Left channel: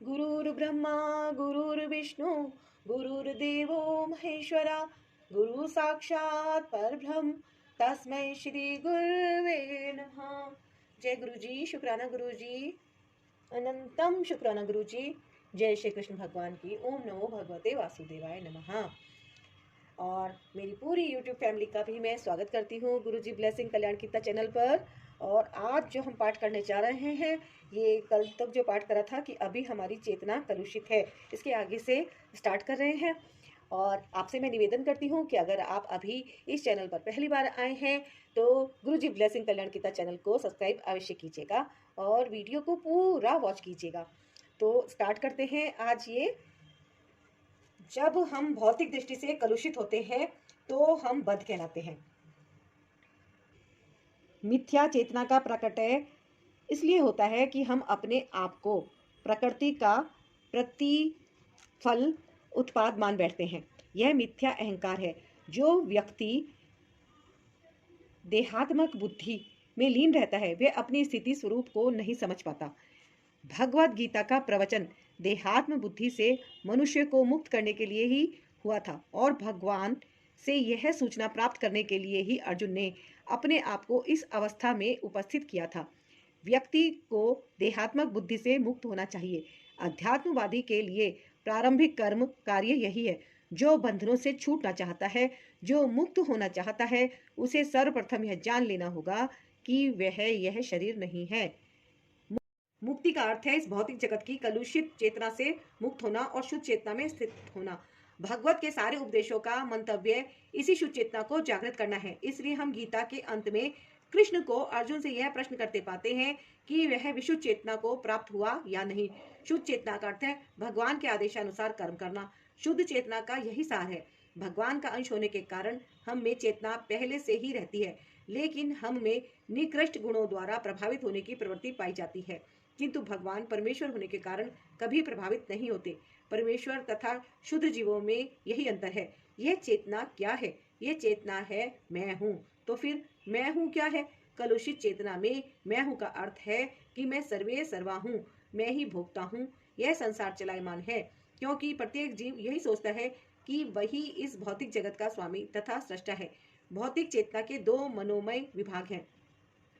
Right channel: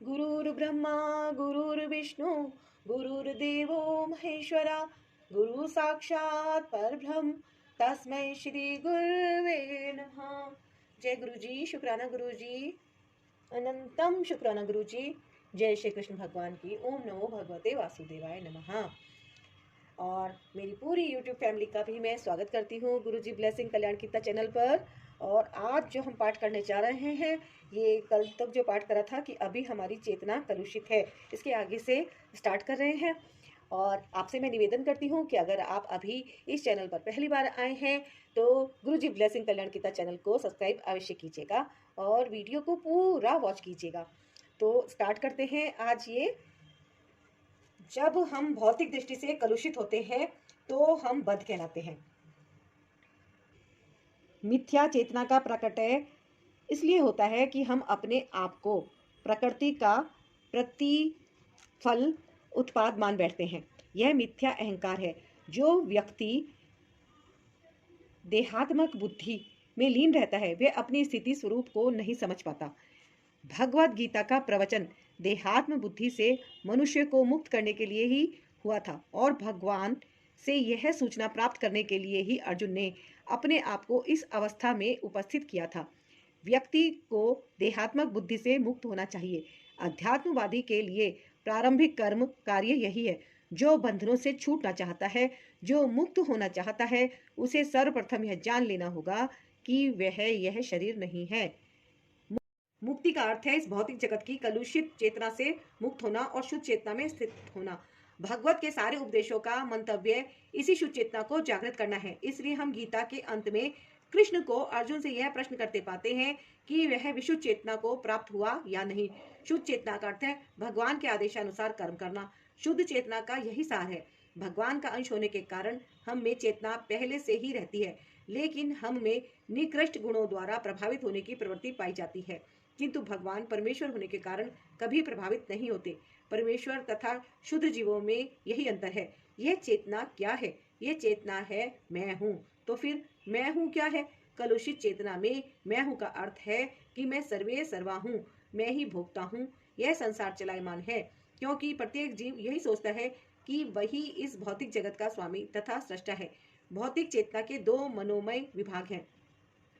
गुरुर्ब्रह्मा गुरुर्विष्णु गुरुर्देवो महेश्वरा गुरु साक्षात परब्रह्म तस्मै श्री गुरुवे नमः। जय गुरुजी, शुक्राना गुरुजी, अनंतम शुक्राना गुरुजी। जय श्री कृष्ण भगवान की। ओम नमो भगवते वासुदेवाय नमः। और मेरी पूरी YouTube फैमिली का भी मैं स्वागत करती हूँ गुरुजी ब्लेसिंग कल्याण कीर्तन चैनल पर। और आज जो हम पाठ करने जा रहे हैं, ये कल तक जो पाठ करा था कि अभी हमारी चेतना कलुषित है, इसके आगे से स्टार्ट कर रहे हैं। और आपसे मैं निवेदन करती हूँ कि अगर आप अभी इस चैनल पर पहली बार आए हैं तो गुरुजी ब्लेसिंग कल्याण कीर्तन चैनल को सब्सक्राइब अवश्य कीजिएगा और वीडियो को पूरा वॉच कीजिएगा। तो स्टार्ट करते हैं। आज ये जब हम भौतिक दृष्टि से कलुषित होते हैं तो हम बद्ध कहलाते हैं। मिथ्या चेतना का प्रकटय इसलिए होता है कि हम अपने आप को प्रकृति का प्रतिफल उत्पाद मान बैठते हैं। यह मिथ्या अहंकार है। जो व्यक्ति देहात्मक बुद्धि में लीन रहता है वह अपनी स्थिति स्वरूप को नहीं समझ पाता। भगवद गीता का प्रवचन देहात्म बुद्धि से मनुष्य को मुक्त करने के लिए ही हुआ था और भगवान से यह सूचना प्राप्त करने के लिए ही अर्जुन ने अपने आप को इस अवस्था में उपस्थित किया था। व्यक्ति को देहात्मक बुद्धि से मुक्त होना चाहिए। अध्यात्मवादी के लिए प्रारंभिक कर्म कार्य यही है। जो बंधनों से छूटना चाहता है, जो मुक्त होना चाहता है, उसे सर्वप्रथम यह जान लेना होगा कि वह यह शरीर नहीं है। मुक्ति का अर्थ है इस भौतिक जगत की कलुषित चेतना से मुक्त होना और शुद्ध चेतना में स्थित होना। भगवत के सारे उपदेशों का मंतव्य इसी शुद्ध चेतना को जागृत करना है। इसलिए हम गीता के अंत में कृष्ण को अर्जुन से यह प्रश्न करते पाते हैं कि वह विशुद्ध चेतना को प्राप्त हुआ या नहीं। शुद्ध चेतना का अर्थ है भगवान के आदेशानुसार कर्म करना। शुद्ध चेतना का यही सार है। भगवान का अंश होने के कारण हम में चेतना पहले से ही रहती है, लेकिन हम में निकृष्ट गुणों द्वारा प्रभावित होने की प्रवृत्ति पाई जाती है। किंतु भगवान परमेश्वर होने के कारण कभी प्रभावित नहीं होते। परमेश्वर तथा शुद्ध जीवों में यही अंतर है। यह चेतना क्या है? यह चेतना है मैं हूँ। तो फिर मैं हूँ क्या है? कलुषित चेतना में मैं हूँ का अर्थ है कि मैं सर्वे सर्वा हूँ, मैं ही भोगता हूँ। यह संसार चलायमान है क्योंकि प्रत्येक जीव यही सोचता है कि वही इस भौतिक जगत का स्वामी तथा सृष्टा है। भौतिक चेतना के दो मनोमय विभाग हैं।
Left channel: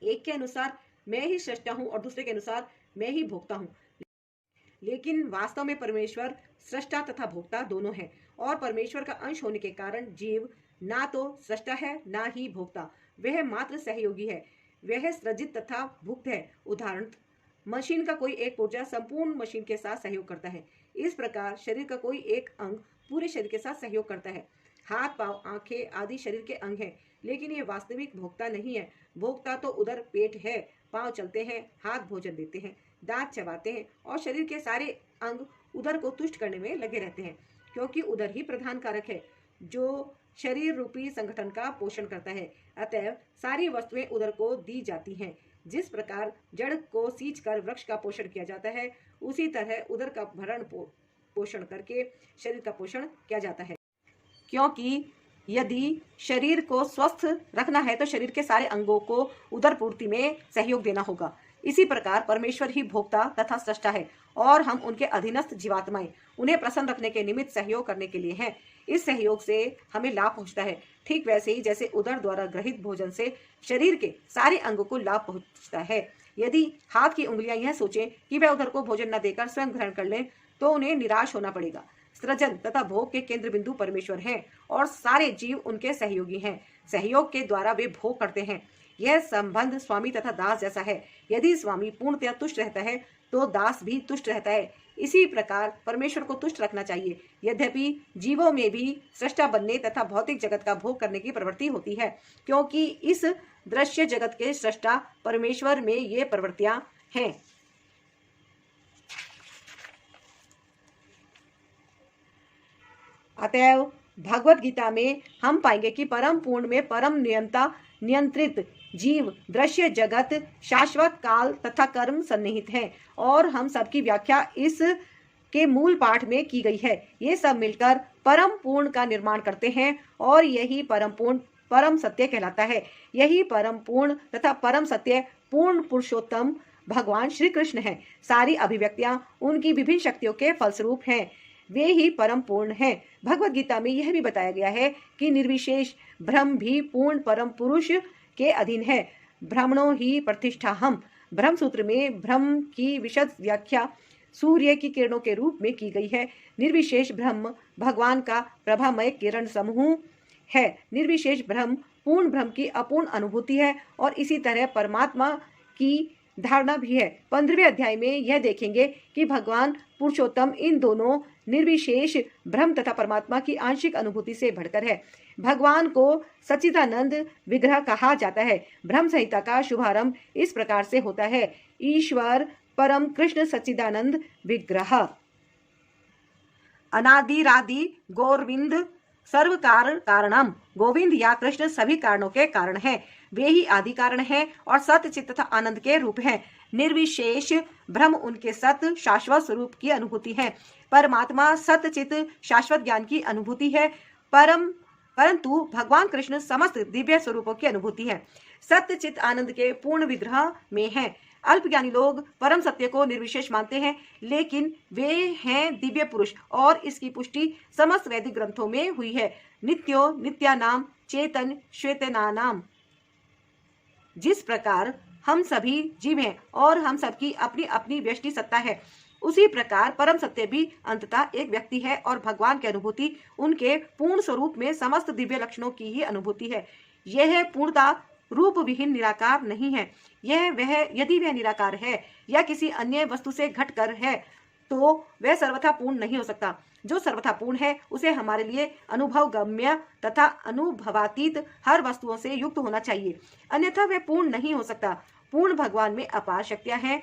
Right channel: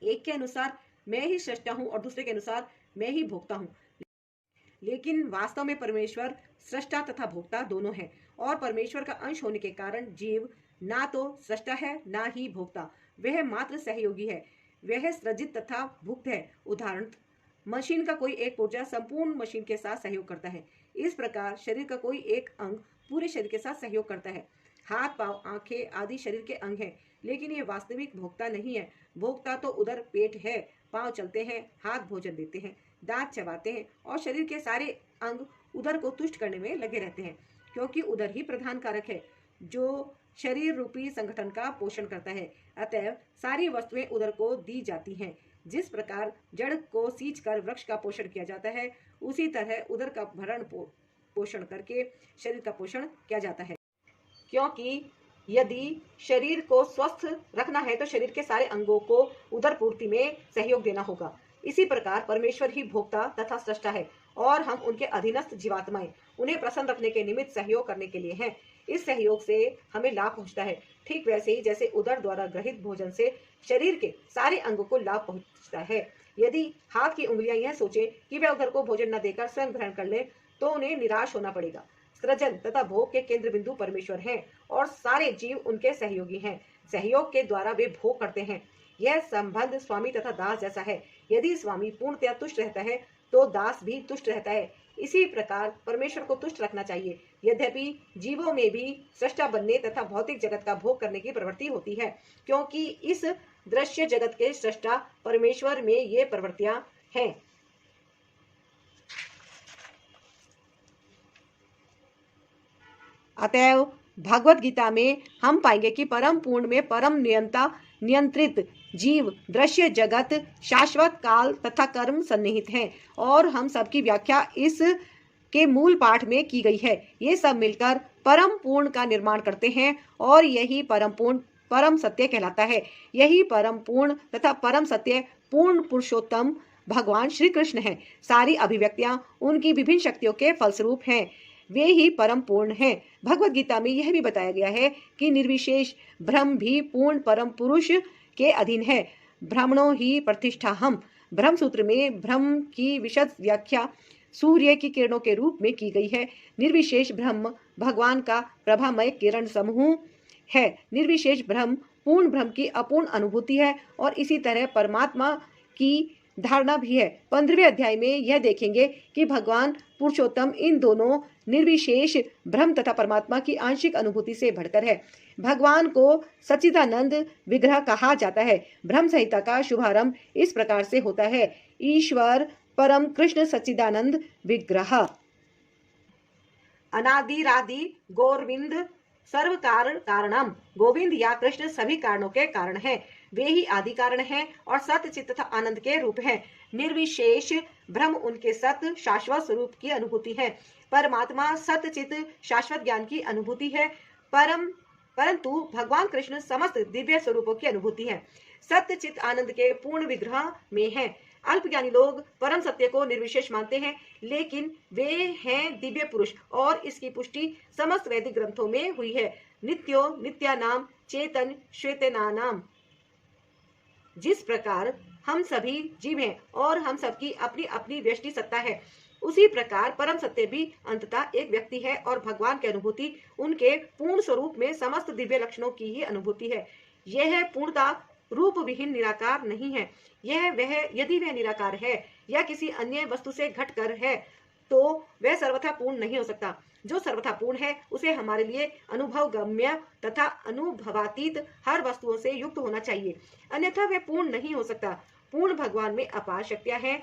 एक के अनुसार मैं ही सृष्टा हूँ और दूसरे के अनुसार मैं ही भोगता हूँ। लेकिन वास्तव में परमेश्वर सृष्टा तथा भोक्ता दोनों है और परमेश्वर का अंश होने के कारण जीव ना तो सृष्टा है ना ही भोक्ता। वह मात्र सहयोगी है। वह सृजित तथा भुक्त है। उदाहरण, मशीन का कोई एक पुर्जा संपूर्ण मशीन के साथ सहयोग करता है। इस प्रकार शरीर का कोई एक अंग पूरे शरीर के साथ सहयोग करता है। हाथ, पांव, आंखें आदि शरीर के अंग हैं, लेकिन ये वास्तविक भोक्ता नहीं है। भोक्ता तो उधर पेट है, पांव चलते हैं, हाथ भोजन देते हैं, दांत चबाते हैं और शरीर के सारे अंग उदर को तुष्ट करने में लगे रहते हैं, क्योंकि उदर ही प्रधान कारक है जो शरीर रूपी संगठन का पोषण करता है। अतएव सारी वस्तुएं उदर को दी जाती हैं। जिस प्रकार जड़ को सींच कर वृक्ष का पोषण किया जाता है, उसी तरह उदर का भरण पोषण करके शरीर का पोषण किया जाता है। क्योंकि यदि शरीर को स्वस्थ रखना है तो शरीर के सारे अंगों को उदर पूर्ति में सहयोग देना होगा। इसी प्रकार परमेश्वर ही भोक्ता तथा सृष्टा है और हम उनके अधीनस्थ जीवात्माएं उन्हें प्रसन्न रखने के निमित्त सहयोग करने के लिए हैं। इस सहयोग से हमें लाभ पहुंचता है। ठीक वैसे ही जैसे उदर द्वारा ग्रहित भोजन से शरीर के सारे अंगों को लाभ पहुंचता है। यदि हाथ की उंगलियां यह सोचें कि वह उदर को भोजन न देकर स्वयं ग्रहण कर ले तो उन्हें निराश होना पड़ेगा। सृजन तथा भोग के केंद्र बिंदु परमेश्वर हैं और सारे जीव उनके सहयोगी हैं। सहयोग के द्वारा वे भोग करते हैं। यह संबंध स्वामी तथा दास जैसा है। यदि स्वामी पूर्णतया तुष्ट रहता है तो दास भी तुष्ट रहता है। इसी प्रकार परमेश्वर को तुष्ट रखना चाहिए। यद्यपि जीवों में भी सृष्टा बनने तथा भौतिक जगत का भोग करने की प्रवृत्ति होती है, क्योंकि इस दृश्य जगत के सृष्टा परमेश्वर में ये प्रवृत्तियां हैं। अतएव भगवत गीता में हम पाएंगे कि परम पूर्ण में परम नियंत्रित जीव, दृश्य जगत, शाश्वत काल तथा कर्म सन्निहित हैं और हम सबकी व्याख्या इस के मूल पाठ में की गई है। ये सब मिलकर परम पूर्ण का निर्माण करते हैं और यही परम पूर्ण परम सत्य कहलाता है। यही परम पूर्ण तथा परम सत्य पूर्ण पुरुषोत्तम भगवान श्री कृष्ण हैं। सारी अभिव्यक्तियां उनकी विभिन्न शक्तियों के फलस्वरूप हैं। वे ही परम पूर्ण हैं। भगवत गीता में यह भी बताया गया है कि निर्विशेष ब्रह्म भी पूर्ण परम पुरुष के अधीन है। ब्रह्मणो ही प्रतिष्ठा हम। ब्रह्म सूत्र में ब्रह्म की विशद व्याख्या सूर्य की किरणों के रूप में की गई है। निर्विशेष ब्रह्म भगवान का प्रभामय किरण समूह है। निर्विशेष ब्रह्म पूर्ण ब्रह्म की अपूर्ण अनुभूति है और इसी तरह परमात्मा की धारणा भी है। 15वें अध्याय में यह देखेंगे कि भगवान पुरुषोत्तम इन दोनों निर्विशेष ब्रह्म तथा परमात्मा की आंशिक अनुभूति से बढ़कर है। भगवान को सच्चिदानंद विग्रह कहा जाता है। ब्रह्म संहिता का शुभारंभ इस प्रकार से होता है। ईश्वर परम कृष्ण सच्चिदानंद विग्रह। अनादिरादि गोविंद सर्व कारणम। गोविंद या कृष्ण सभी कारणों के कारण है। वे ही आदि कारण है और सत्य चित्त तथा आनंद के रूप हैं। निर्विशेष ब्रह्म उनके सत्य शाश्वत स्वरूप की अनुभूति है। परमात्मा सत्य चित्त शाश्वत ज्ञान की अनुभूति है। परंतु भगवान कृष्ण समस्त दिव्य स्वरूपों की अनुभूति है। सत्य चित्त आनंद के पूर्ण विग्रह में है। अल्पज्ञानी लोग परम सत्य को निर्विशेष मानते हैं, लेकिन वे हैं दिव्य पुरुष और इसकी पुष्टि समस्त वैदिक ग्रंथों में हुई है। नित्यो नित्यानाम चेतन श्वेतनानाम। जिस प्रकार हम सभी जीव हैं और हम सबकी अपनी अपनी व्यष्टि सत्ता है, उसी प्रकार परम सत्य भी अंततः एक व्यक्ति है और भगवान की अनुभूति उनके पूर्ण स्वरूप में समस्त दिव्य लक्षणों की ही अनुभूति है। यह पूर्णता रूप विहीन निराकार नहीं है। यदि वह निराकार है या किसी अन्य वस्तु से घटकर है तो वह सर्वथा पूर्ण नहीं हो सकता। जो सर्वथा पूर्ण है उसे हमारे लिए अनुभव गम्य तथा अनुभवातीत हर वस्तुओं से युक्त होना चाहिए, अन्यथा वह पूर्ण नहीं हो सकता। पूर्ण भगवान में अपार शक्तियां हैं।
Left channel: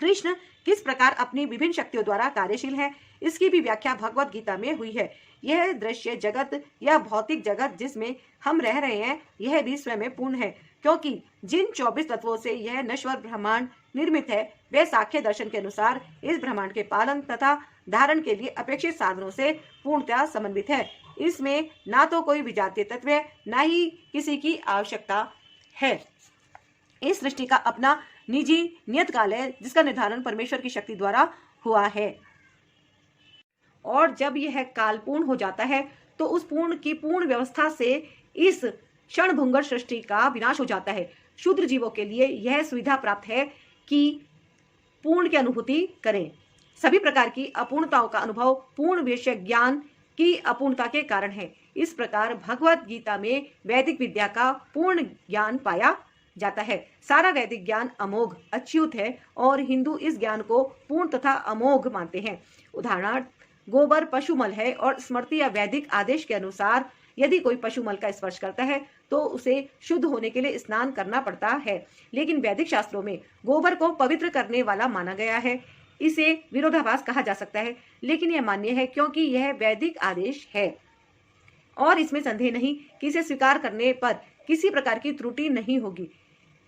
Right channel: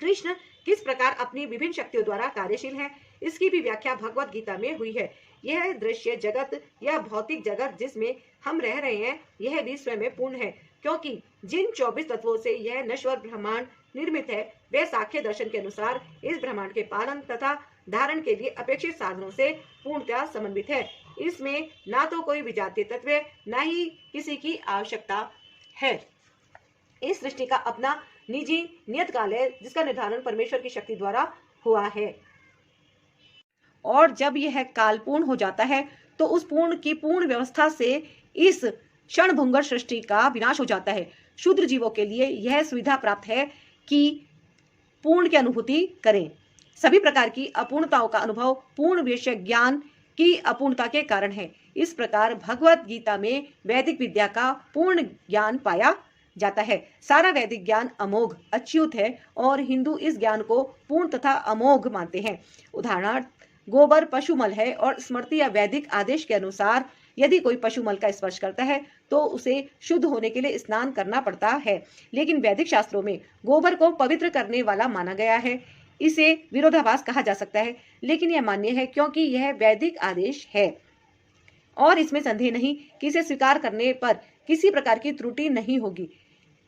कृष्ण किस प्रकार अपनी विभिन्न शक्तियों द्वारा कार्यशील हैं, इसकी भी व्याख्या भगवत गीता में हुई है। यह दृश्य जगत या भौतिक जगत जिसमें हम रह रहे हैं, यह भी स्वयं पूर्ण है, क्योंकि जिन 24 तत्वों से यह नश्वर ब्रह्मांड निर्मित है, वे सांख्य दर्शन के अनुसार इस ब्रह्मांड के पालन तथा धारण के लिए अपेक्षित साधनों से पूर्णतः समन्वित है। इसमें ना तो कोई विजातीय तत्व है, ना ही किसी की आवश्यकता है। इस सृष्टि का अपना निजी नियत काल है, जिसका निर्धारण परमेश्वर की शक्ति द्वारा हुआ है। और जब यह काल पूर्ण हो जाता है तो उस पूर्ण की पूर्ण व्यवस्था से इस क्षणभंगुर सृष्टि का विनाश हो जाता है। शूद्र जीवों के लिए यह सुविधा प्राप्त है कि पूर्ण की अनुभूति करें। सभी प्रकार की अपूर्णताओं का अनुभव पूर्ण विषय ज्ञान की अपूर्णता के कारण है। इस प्रकार भगवत गीता में वैदिक विद्या का पूर्ण ज्ञान पाया जाता है। सारा वैदिक ज्ञान अमोघ अच्युत है और हिंदू इस ज्ञान को पूर्ण तथा अमोघ मानते हैं। उदाहरणार्थ, गोबर पशुमल है और स्मृति या वैदिक आदेश के अनुसार यदि कोई पशुमल का स्पर्श करता है तो उसे शुद्ध होने के लिए स्नान करना पड़ता है, लेकिन वैदिक शास्त्रों में गोबर को पवित्र करने वाला माना गया है। इसे विरोधाभास कहा जा सकता है, लेकिन यह मान्य है क्योंकि यह वैदिक आदेश है और इसमें संदेह नहीं कि इसे स्वीकार करने पर किसी प्रकार की त्रुटि नहीं होगी।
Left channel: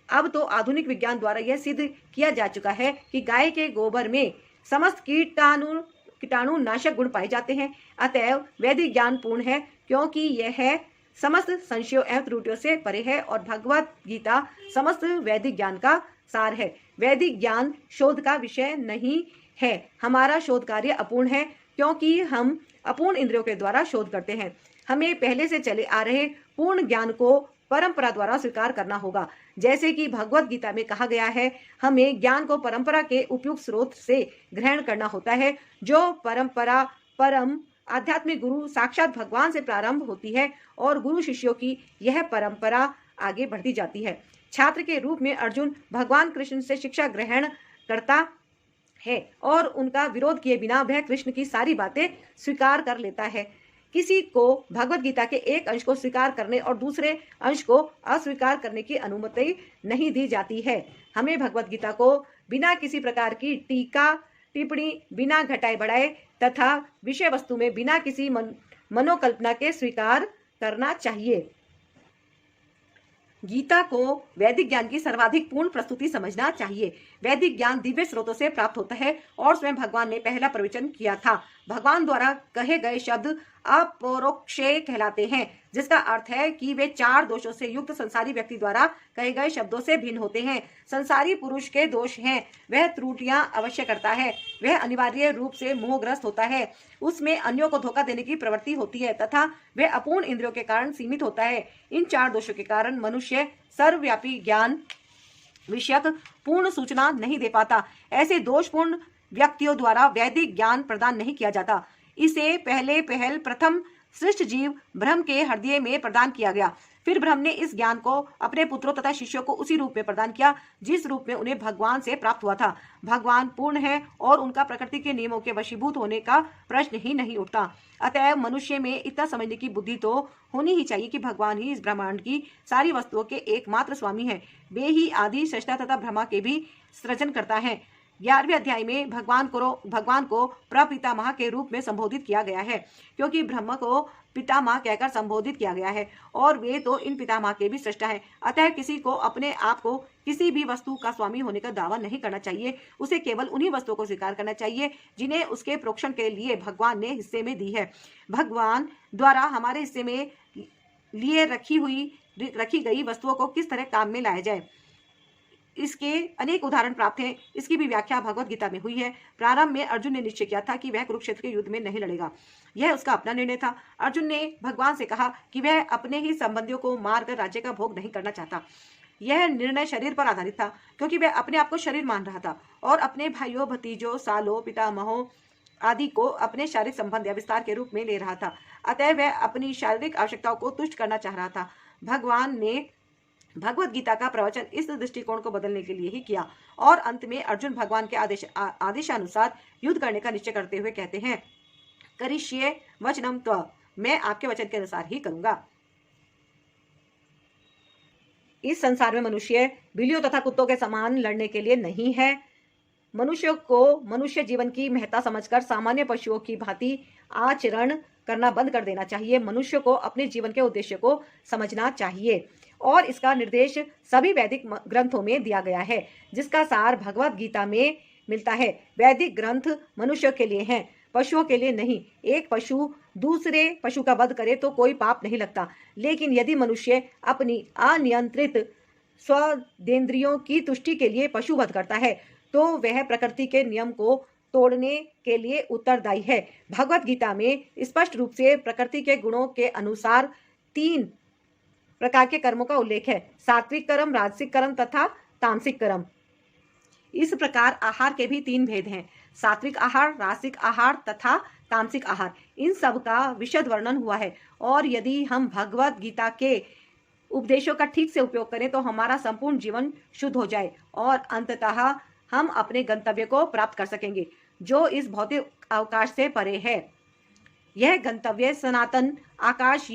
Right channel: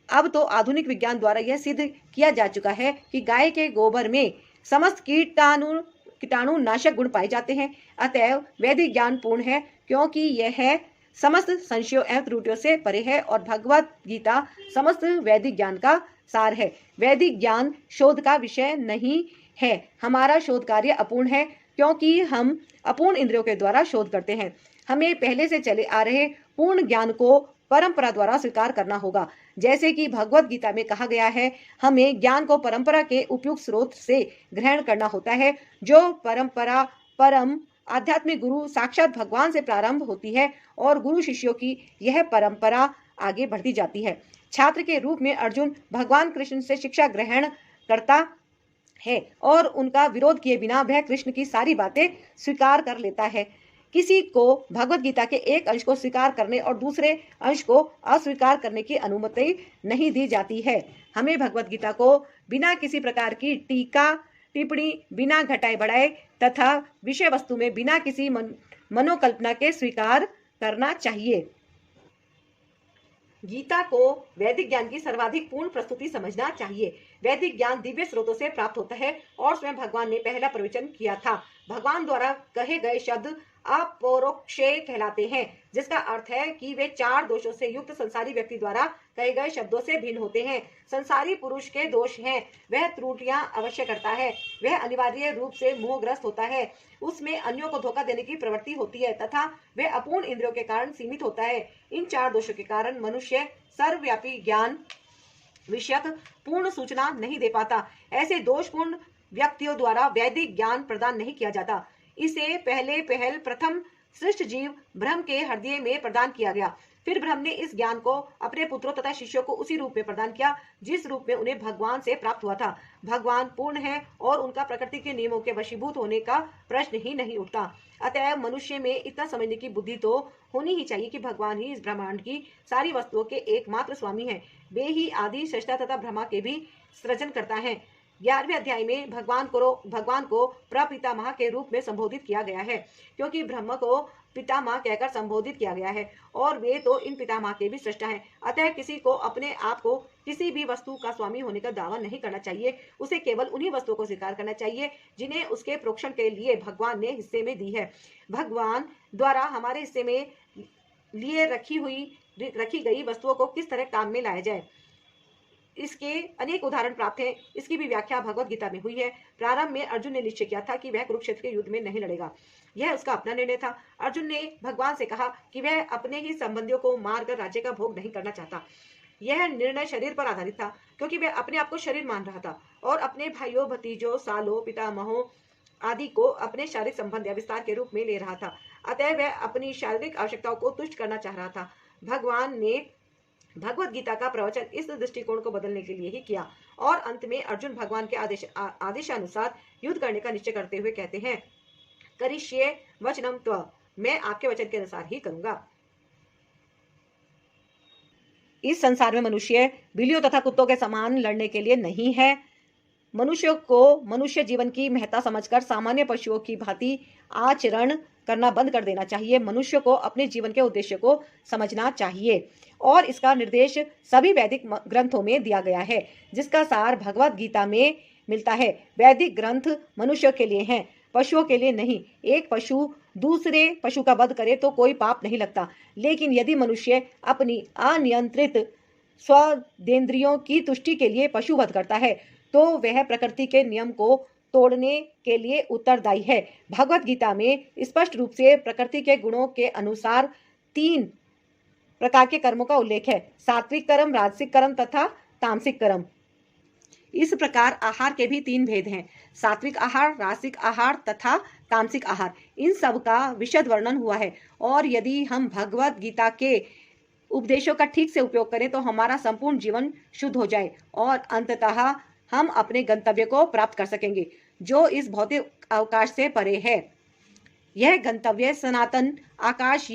अब तो आधुनिक विज्ञान द्वारा यह सिद्ध किया जा चुका है कि गाय के गोबर में समस्त कीटाणु नाशक गुण पाए जाते हैं। अतएव वैदिक ज्ञान पूर्ण है, क्योंकि यह समस्त संशयों एवं त्रुटियों से परे है और भगवत गीता समस्त वैदिक ज्ञान का सार है। वैदिक ज्ञान शोध का विषय नहीं है। हमारा शोध कार्य अपूर्ण है, क्योंकि हम अपूर्ण इंद्रियों के द्वारा शोध करते हैं। हमें पहले से चले आ रहे पूर्ण ज्ञान को परंपरा द्वारा स्वीकार करना होगा। जैसे कि भगवत गीता में कहा गया है, हमें ज्ञान को परंपरा के उपयुक्त स्रोत से ग्रहण करना होता है। जो परंपरा परम आध्यात्मिक गुरु साक्षात भगवान से प्रारंभ होती है और गुरु शिष्यों की यह परंपरा आगे बढ़ती जाती है। छात्र के रूप में अर्जुन भगवान कृष्ण से शिक्षा ग्रहण करता है और उनका विरोध किए बिना वह कृष्ण की सारी बातें स्वीकार कर लेता है। किसी को भगवत गीता के एक अंश को स्वीकार करने और दूसरे अंश को अस्वीकार करने की अनुमति नहीं दी जाती है। हमें भगवत गीता को बिना किसी प्रकार की टीका टिप्पणी, बिना घटाए बढ़ाए तथा विषय वस्तु में बिना किसी मनोकल्पना के स्वीकार करना चाहिए। गीता को वैदिक ज्ञान की सर्वाधिक पूर्ण प्रस्तुति समझना चाहिए। वैदिक ज्ञान दिव्य स्रोतों से प्राप्त होता है और स्वयं भगवान ने पहला प्रवचन किया था। भगवान द्वारा कहे गए शब्द अपरोक्षेय कहलाते हैं, जिसका अर्थ है कि वे 4 दोषों से युक्त संसारी व्यक्ति द्वारा कहे गए शब्दों से भिन्न होते हैं। संसारी पुरुष के दोष हैं, वह त्रुटियां अवश्य करता है, वह अनिवार्य रूप से मोहग्रस्त होता है, उसमें अन्यों को धोखा देने की प्रवृत्ति होती है तथा वह अपूर्ण इंद्रियों के कारण सीमित होता है। इन 4 दोषों के कारण मनुष्य सर्वव्यापी ज्ञान विषयक पूर्ण सूचना नहीं दे पाता। ऐसे दोषपूर्ण व्यक्तियों द्वारा वैदिक ज्ञान प्रदान नहीं किया जाता। इसे पहल प्रथम सृष्ट जीव ब्रह्म के हृदय में प्रदान किया गया। फिर ब्रह्म ने इस ज्ञान को अपने पुत्रों तथा शिष्यों को उसी रूप में प्रदान किया जिस रूप में उन्हें भगवान से प्राप्त हुआ था। भगवान पूर्ण है और उनका प्रकृति के नियमों के वशीभूत होने का प्रश्न ही नहीं उठता। अतः मनुष्य में इतना समझने की बुद्धि तो होनी ही चाहिए कि भगवान ही इस ब्रह्मांड की सारी वस्तुओं के एकमात्र स्वामी है। वे ही आदि सृष्टा तथा ब्रह्मा के भी सृजन करता है। 11वें अध्याय में भगवान को प्रपितामह के रूप में संबोधित किया गया है, क्योंकि ब्रह्म को पितामह कहकर संबोधित किया गया है और वे तो इन पितामह के भी सृष्टा है। अतः किसी को अपने आप को किसी भी वस्तु का स्वामी होने का दावा नहीं करना चाहिए। उसे केवल उन्हीं वस्तुओं को स्वीकार करना चाहिए जिन्हें उसके प्रोक्षण के लिए भगवान ने हिस्से में दी है। भगवान द्वारा हमारे हिस्से में लिए रखी गई वस्तुओं को किस तरह काम में लाया जाए, इसके अनेक उदाहरण प्राप्त हैं। इसकी भी व्याख्या भगवत गीता में हुई है। प्रारंभ में अर्जुन ने निश्चय किया था कि वह कुरुक्षेत्र के युद्ध में नहीं लड़ेगा। यह उसका अपना निर्णय था। अर्जुन ने भगवान से कहा कि वह अपने ही संबंधियों को मारकर राज्य का भोग नहीं करना चाहता। यह निर्णय शरीर पर आधारित था, क्योंकि वह अपने आप को शरीर मान रहा था और अपने भाइयों, भतीजों, सालों, पितामहों आदि को अपने शारीरिक संबंध या विस्तार के रूप में ले रहा था। अतः वह अपनी शारीरिक आवश्यकताओं को तुष्ट करना चाह रहा था। भगवान ने भगवत गीता का प्रवचन इस दृष्टिकोण को बदलने के लिए ही किया और अंत में अर्जुन भगवान के आदेशानुसार युद्ध करने का निश्चय करते हुए कहते हैं, करिष्ये वचनम त्व, मैं आपके वचन के अनुसार ही करूंगा। इस संसार में मनुष्य बिल्लियों तथा कुत्तों के समान लड़ने के लिए नहीं है। मनुष्य को मनुष्य जीवन की महत्ता समझकर सामान्य पशुओं की भांति आचरण करना बंद कर देना चाहिए। मनुष्य को अपने जीवन के उद्देश्य को समझना चाहिए और इसका निर्देश सभी वैदिक ग्रंथों में दिया गया है, जिसका सार भगवत गीता में मिलता है। वैदिक ग्रंथ मनुष्य के लिए हैं, पशुओं के लिए नहीं। एक पशु दूसरे पशु का वध करे तो कोई पाप नहीं लगता, लेकिन यदि मनुष्य अपनी अनियंत्रित स्वदेंद्रियों की तुष्टि के लिए पशु वध करता है तो वह प्रकृति के नियम को तोड़ने के लिए उत्तरदायी है। भगवत गीता में स्पष्ट रूप से प्रकृति के गुणों के अनुसार 3 प्रकार के कर्मों का उल्लेख है, सात्विक कर्म, राजसिक कर्म तथा तामसिक कर्म। इस प्रकार आहार के भी 3 भेद हैं, सात्विक आहार, राजसिक आहार तथा तामसिक आहार। इन सब का विशद वर्णन हुआ है और यदि हम भगवत गीता के उपदेशों का ठीक से उपयोग करें तो हमारा संपूर्ण जीवन शुद्ध हो जाए और अंततः हम अपने गंतव्य को प्राप्त कर सकेंगे, जो इस भौतिक अवकाश से परे है। यह गंतव्य सनातन आकाश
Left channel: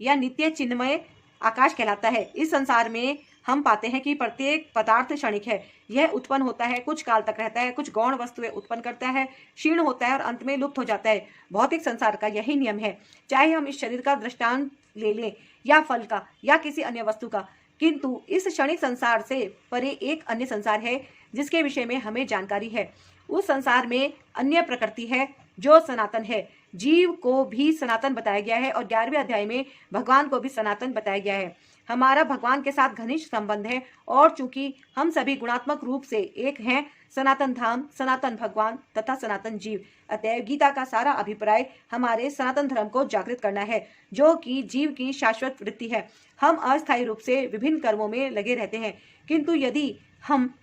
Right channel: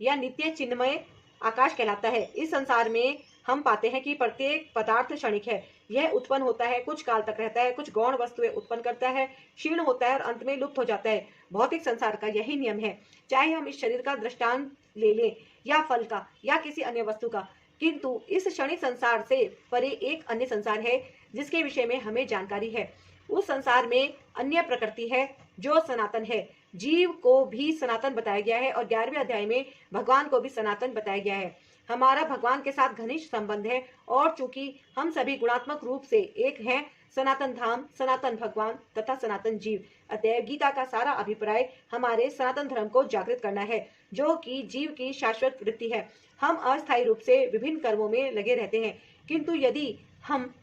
या नित्य चिन्मय आकाश कहलाता है। इस संसार में हम पाते हैं कि प्रत्येक पदार्थ क्षणिक है। यह उत्पन्न होता है, कुछ काल तक रहता है, कुछ गौण वस्तुएं उत्पन्न करता है, क्षीण होता है और अंत में लुप्त हो जाता है। भौतिक संसार का यही नियम है। चाहे हम इस शरीर का दृष्टांत ले लें या फल का या किसी अन्य वस्तु का, किंतु इस क्षणिक संसार से परे एक अन्य संसार है जिसके विषय में हमें जानकारी है। उस संसार में अन्य प्रकृति है जो सनातन है। जीव को भी सनातन बताया गया है और 11वें अध्याय में भगवान को भी सनातन बताया गया है। हमारा भगवान के साथ घनिष्ठ संबंध है और चूंकि हम सभी गुणात्मक रूप से एक हैं, सनातन धाम, सनातन भगवान तथा सनातन जीव। अतएव गीता का सारा अभिप्राय हमारे सनातन धर्म को जागृत करना है, जो कि जीव की शाश्वत वृत्ति है। हम अस्थायी रूप से विभिन्न कर्मों में लगे रहते हैं, किंतु यदि हम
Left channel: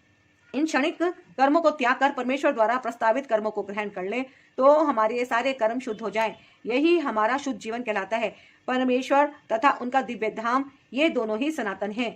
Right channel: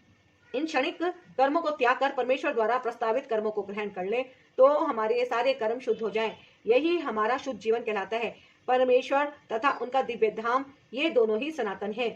इन क्षणिक कर्मों को त्याग कर परमेश्वर द्वारा प्रस्तावित कर्मों को ग्रहण कर लें तो हमारे ये सारे कर्म शुद्ध हो जाएं। यही हमारा शुद्ध जीवन कहलाता है। परमेश्वर तथा उनका दिव्य धाम ये दोनों ही सनातन हैं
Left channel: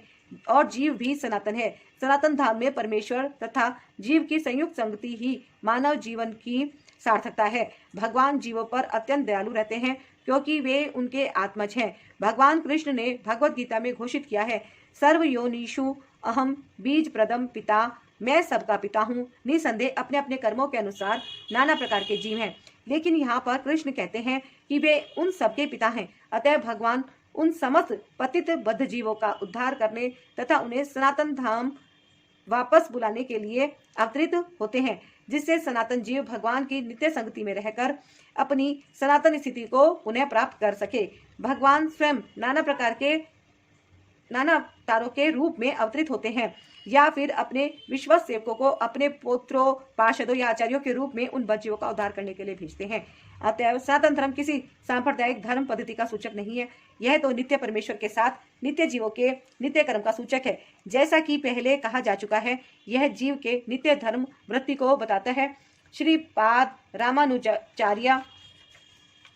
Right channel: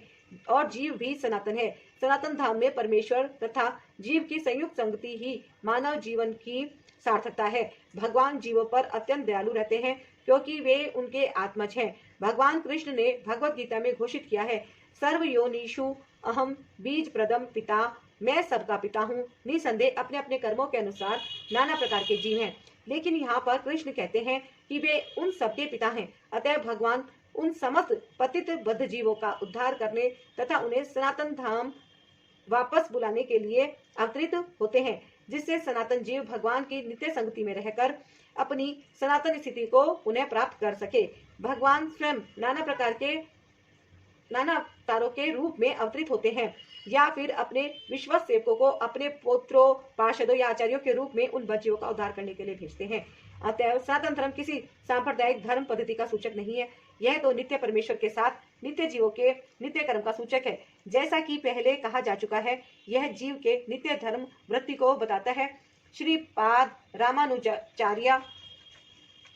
और जीव भी सनातन है। सनातन धाम में परमेश्वर तथा जीव की संयुक्त संगति ही मानव जीवन की सार्थकता है। भगवान जीवों पर अत्यंत दयालु रहते हैं क्योंकि वे उनके आत्मज हैं। भगवान कृष्ण ने भगवत गीता में घोषित किया है, सर्व योनिषु अहम बीज प्रदम पिता, मैं सबका पिता हूँ। निसंदेह अपने अपने कर्मों के अनुसार नाना प्रकार के जीव हैं, लेकिन यहाँ पर कृष्ण कहते हैं कि वे उन सबके पिता हैं। अतः भगवान उन समस्त पतित बद्ध जीवों का उद्धार करने तथा उन्हें सनातन धाम वापस बुलाने के लिए अवतरित होते हैं, जिससे सनातन जीव भगवान की नित्य संगति में रहकर अपनी सनातन स्थिति को पुनः प्राप्त कर सके। भगवान स्वयं नाना अवतारों के रूप में अवतरित होते हैं या फिर अपने विश्वस्त सेवकों को अपने पुत्रों, पार्षदों या आचार्यों के रूप में उन बच्चों का उद्धार करने के लिए भेजते हैं। अतएव सनातन धर्म किसी सांप्रदायिक धर्म पद्धति का सूचक नहीं है, यह तो नित्य परमेश्वर के साथ नित्य जीवों के नित्य कर्म का सूचक है। जैसा कि पहले कहा जा चुका है, यह जीव के नित्य धर्म वृत्ति को बताता है। श्रीपाद रामानुजाचार्य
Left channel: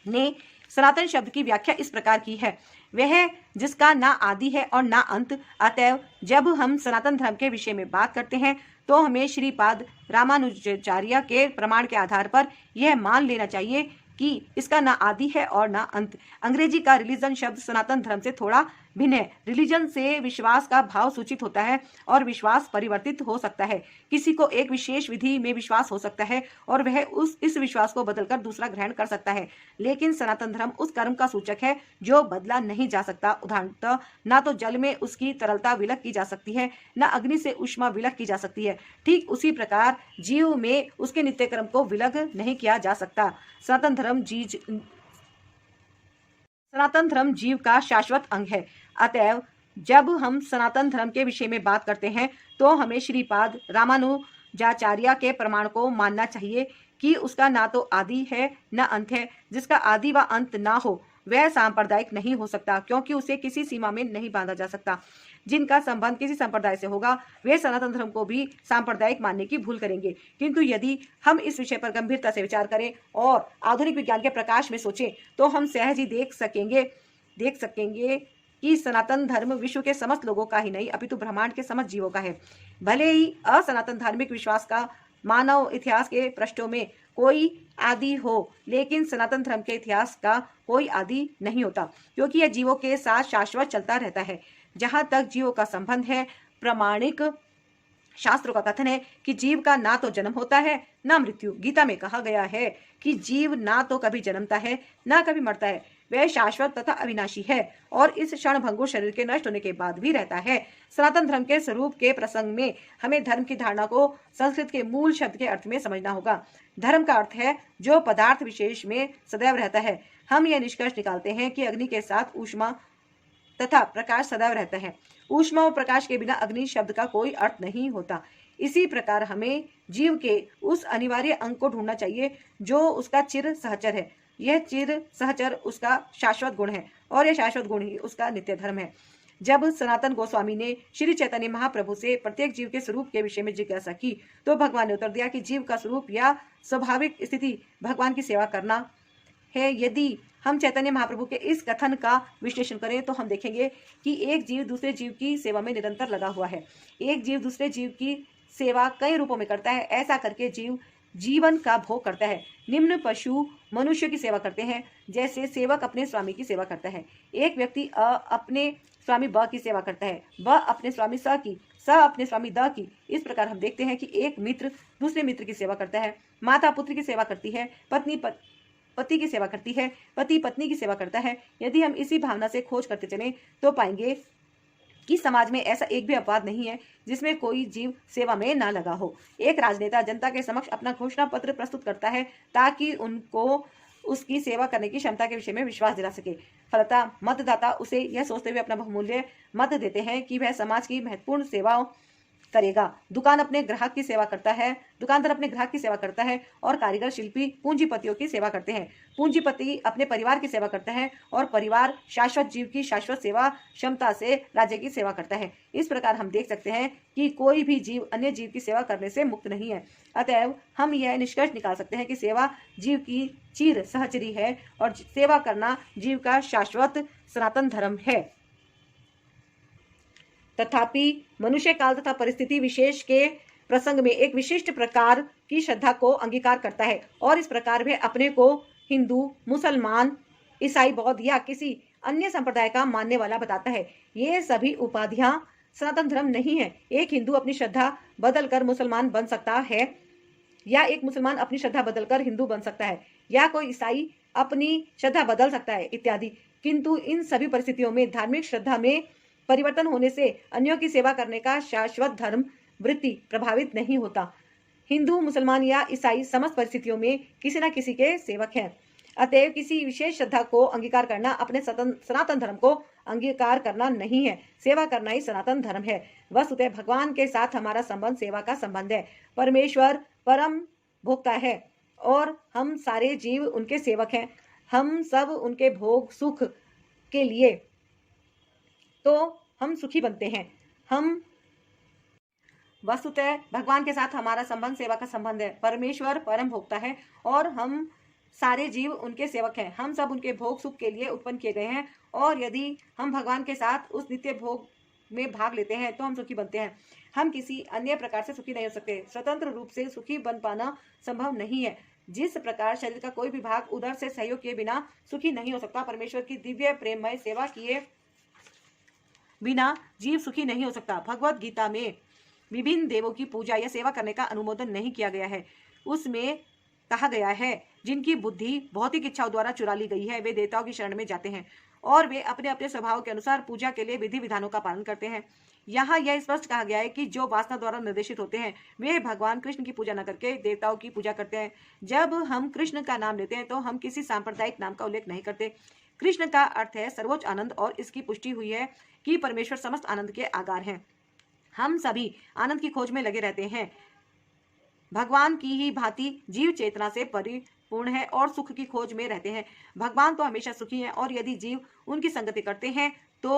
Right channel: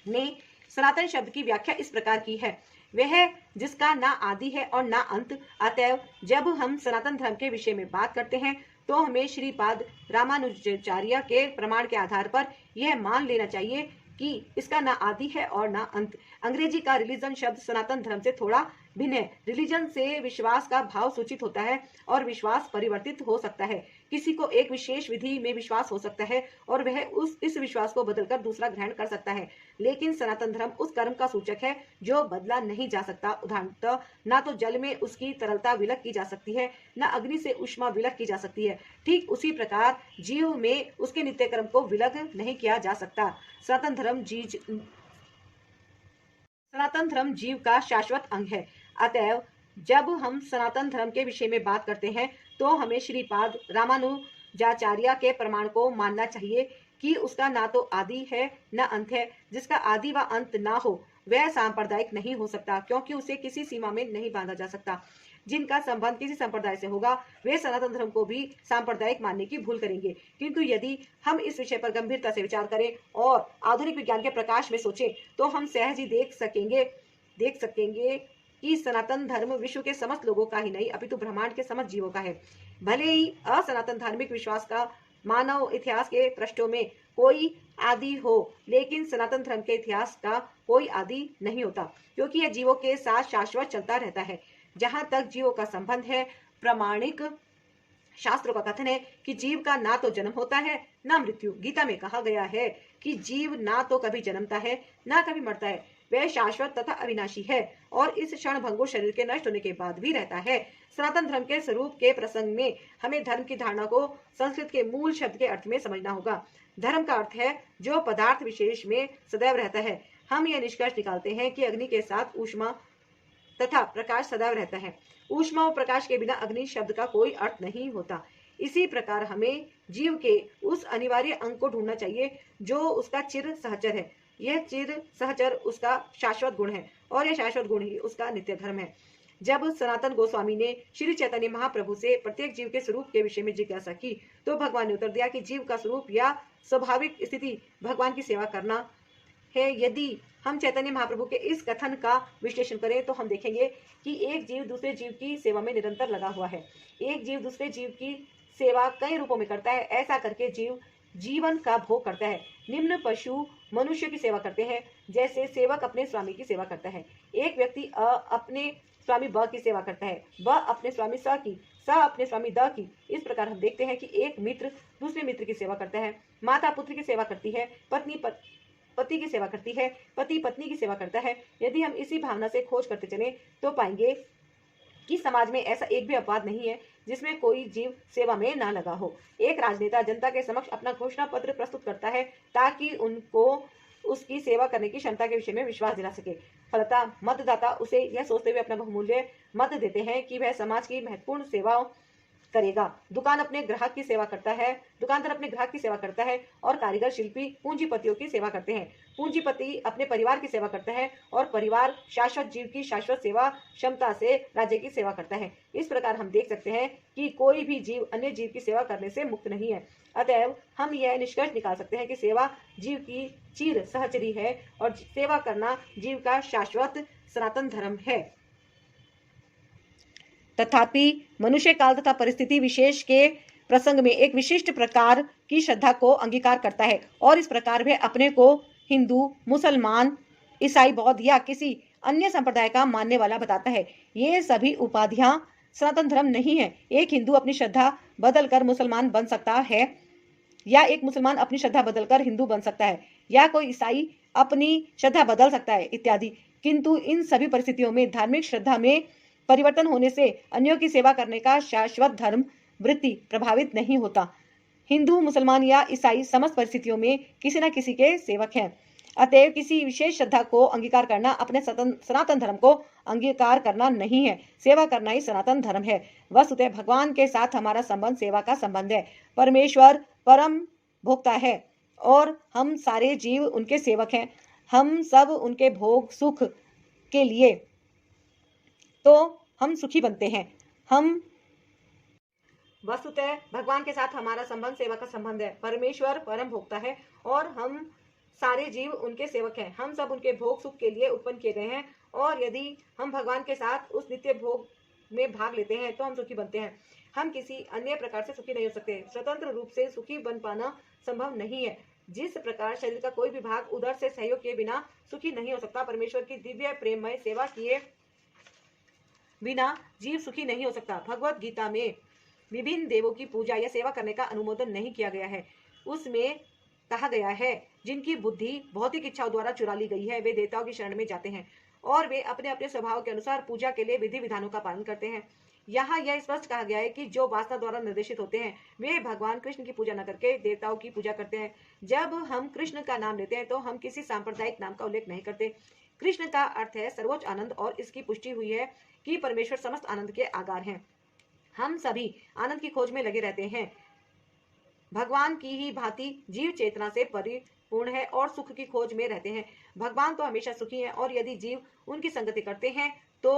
ने सनातन शब्द की व्याख्या इस प्रकार की है, वह जिसका ना आदि है और ना अंत। अतएव जब हम सनातन धर्म के विषय में बात करते हैं तो हमें श्रीपाद रामानुजाचार्य के प्रमाण के आधार पर यह मान लेना चाहिए कि इसका ना आदि है और ना अंत। अंग्रेजी का रिलीजन शब्द सनातन धर्म से थोड़ा भिन्न है। रिलीजन से विश्वास का भाव सूचित होता है और विश्वास परिवर्तित हो सकता है। किसी को एक विशेष विधि में विश्वास हो सकता है और वह इस विश्वास को बदलकर दूसरा ग्रहण कर सकता है, लेकिन सनातन धर्म उस कर्म का सूचक है जो बदला नहीं जा सकता। उदाहरणतः ना तो जल में उसकी तरलता विलक की जा सकती है, न अग्नि से ऊष्मा विलक की जा सकती है। ठीक उसी प्रकार जीव में उसके नित्य कर्म को विलक नहीं किया जा सकता। सनातन धर्म जीव का शाश्वत अंग है। अतएव जब हम सनातन धर्म के विषय में बात करते हैं तो हमें श्रीपाद रामानुजाचार्य के प्रमाण को मानना चाहिए कि उसका ना तो आदि है न अंत है। जिसका आदि व अंत ना हो वह सांप्रदायिक नहीं हो सकता, क्योंकि उसे किसी सीमा में नहीं बांधा जा सकता। जिनका संबंध किसी संप्रदाय से होगा वे सनातन धर्म को भी सांप्रदायिक मानने की भूल करेंगे। किंतु यदि हम इस विषय पर गंभीरता से विचार करें और आधुनिक विज्ञान के प्रकाश में सोचें तो हम सहज ही देख सकेंगे कि सनातन धर्म विश्व के समस्त लोगों का ही नहीं अपितु ब्रह्मांड के समस्त जीवों का है। भले ही असनातन धार्मिक विश्वास का मानव इतिहास के पृष्ठों में कोई आदि हो, लेकिन सनातन धर्म के इतिहास का कोई आदि नहीं होता, क्योंकि यह जीवों के साथ शाश्वत चलता रहता है। जहां तक जीवों का संबंध है, प्रामाणिक शास्त्रों का कथन है कि जीव का ना तो जन्म होता है ना मृत्यु। गीता में कहा गया है कि जीव ना तो कभी जन्मता है ना कभी मरता है, वह शाश्वत तथा अविनाशी है और इस क्षण भंगुर शरीर के नष्ट होने के बाद भी रहता है। सनातन धर्म के स्वरूप के प्रसंग में हमें धर्म की धारणा को संस्कृत के मूल शब्द के अर्थ में समझना होगा। धर्म का अर्थ है जो पदार्थ विशेष में सदैव रहता है। हम यह निष्कर्ष निकालते हैं कि अग्नि के साथ ऊष्मा तथा प्रकाश सदैव रहता है। ऊष्मा और प्रकाश के बिना अग्नि शब्द का कोई अर्थ नहीं होता। इसी प्रकार हमें जीव के उस अनिवार्य अंग को ढूंढना चाहिए जो उसका चिर सहचर है। यह चिर सहचर उसका शाश्वत गुण है और यह शाश्वत गुण ही उसका नित्य धर्म है। जब सनातन गोस्वामी ने श्री चैतन्य महाप्रभु से प्रत्येक जीव के स्वरूप के विषय में जिज्ञासा की तो भगवान ने उत्तर दिया कि जीव का स्वरूप या स्वाभाविक स्थिति भगवान की सेवा करना है। यदि हम चैतन्य महाप्रभु के इस कथन का विश्लेषण करें तो हम देखेंगे कि एक जीव दूसरे जीव की सेवा में निरंतर लगा हुआ है। एक जीव दूसरे जीव की सेवा कई रूपों में करता है। ऐसा करके जीव जीवन का भोग करता है। निम्न पशु मनुष्य की सेवा करते हैं, जैसे सेवक अपने स्वामी की सेवा करता है। एक व्यक्ति अपने स्वामी ब की सेवा करता है, ब अपने स्वामी स की, स अपने स्वामी द की। इस प्रकार हम देखते हैं कि एक मित्र दूसरे मित्र की सेवा करता है, माता पुत्र की सेवा करती है, पत्नी पति की सेवा करती है, पति पत्नी की सेवा करता है। यदि हम इसी भावना से खोज करते चलें तो पाएंगे कि समाज में ऐसा एक भी अपवाद नहीं है जिसमें कोई जीव सेवा में ना लगा हो। एक राजनेता जनता के समक्ष अपना घोषणा पत्र प्रस्तुत करता है ताकि उनको उसकी सेवा करने की क्षमता के विषय में विश्वास दिला सके। फलतः मतदाता उसे यह सोचते हुए अपना बहुमूल्य मत देते हैं कि वह समाज की महत्वपूर्ण सेवाओं करेगा। दुकानदार अपने ग्राहक की सेवा करता है और कारीगर शिल्पी पूंजीपतियों की सेवा करते हैं। पूंजीपति अपने परिवार की सेवा करता है और परिवार शाश्वत जीव की शाश्वत सेवा क्षमता से राज्य की सेवा करता है। इस प्रकार हम देख सकते हैं कि कोई भी जीव अन्य जीव की सेवा करने से मुक्त नहीं है। अतएव हम यह निष्कर्ष निकाल सकते हैं कि सेवा जीव की चिर सहचरी है और सेवा करना जीव का शाश्वत सनातन धर्म है। तथापि मनुष्य काल तथा परिस्थिति विशेष के प्रसंग में एक विशिष्ट प्रकार की श्रद्धा को अंगीकार करता है और इस प्रकार वह अपने को हिंदू, मुसलमान, ईसाई, बौद्ध या किसी अन्य संप्रदाय का मानने वाला बताता है। ये सभी उपाधियां सनातन धर्म नहीं है। एक हिंदू अपनी श्रद्धा बदलकर मुसलमान बन सकता है या एक मुसलमान अपनी श्रद्धा बदलकर हिंदू बन सकता है या कोई ईसाई अपनी श्रद्धा बदल सकता है इत्यादि। किंतु इन सभी परिस्थितियों में धार्मिक श्रद्धा में परिवर्तन होने से अन्यों की सेवा करने का शाश्वत धर्म वृत्ति प्रभावित नहीं होता। हिंदू, मुसलमान या ईसाई समस्त परिस्थितियों में किसी न किसी के सेवक हैं। अतएव किसी विशेष श्रद्धा को अंगीकार करना अपने सनातन धर्म को अंगीकार करना नहीं है, सेवा करना ही सनातन धर्म है। वस्तुतः भगवान के साथ हमारा संबंध सेवा का संबंध है। परमेश्वर परम भोक्ता है और हम सारे जीव उनके सेवक हैं। हम सब उनके भोग सुख के लिए तो हम सुखी बनते हैं। हम वस्तुतः भगवान के साथ हमारा संबंध सेवा का संबंध है। परमेश्वर परम भोक्ता है और हम सारे जीव उनके सेवक हैं। हम सब उनके भोग सुख के लिए उत्पन्न किए गए हैं और यदि हम भगवान के साथ उस नित्य भोग में भाग लेते हैं तो हम सुखी बनते हैं। हम किसी अन्य प्रकार से सुखी नहीं हो सकते। स्वतंत्र रूप से सुखी बन पाना संभव नहीं है। जिस प्रकार शरीर का कोई भी भाग उधर से सहयोग किए बिना सुखी नहीं हो सकता, परमेश्वर की दिव्य प्रेममय सेवा किए बिना जीव सुखी नहीं हो सकता। भगवत गीता में विभिन्न देवों की पूजा या सेवा करने का अनुमोदन नहीं किया गया है। उसमें कहा गया है जिनकी बुद्धि भौतिक इच्छाओं द्वारा चुरा ली गई है वे देवताओं की शरण में जाते हैं और वे अपने अपने स्वभाव के अनुसार पूजा के लिए विधि विधानों का पालन करते हैं। यहाँ यह स्पष्ट कहा गया है कि जो वासना द्वारा निर्देशित होते हैं वे भगवान कृष्ण की पूजा न करके देवताओं की पूजा करते हैं। जब हम कृष्ण का नाम लेते हैं तो हम किसी सांप्रदायिक नाम का उल्लेख नहीं करते। कृष्ण का अर्थ है सर्वोच्च आनंद और इसकी पुष्टि हुई है कि परमेश्वर समस्त आनंद के आगार हैं। हम सभी आनंद की खोज में लगे रहते हैं। भगवान की ही भांति जीव चेतना से परिपूर्ण है और सुख की खोज में रहते हैं। भगवान तो हमेशा सुखी हैं और यदि जीव उनकी संगति करते हैं तो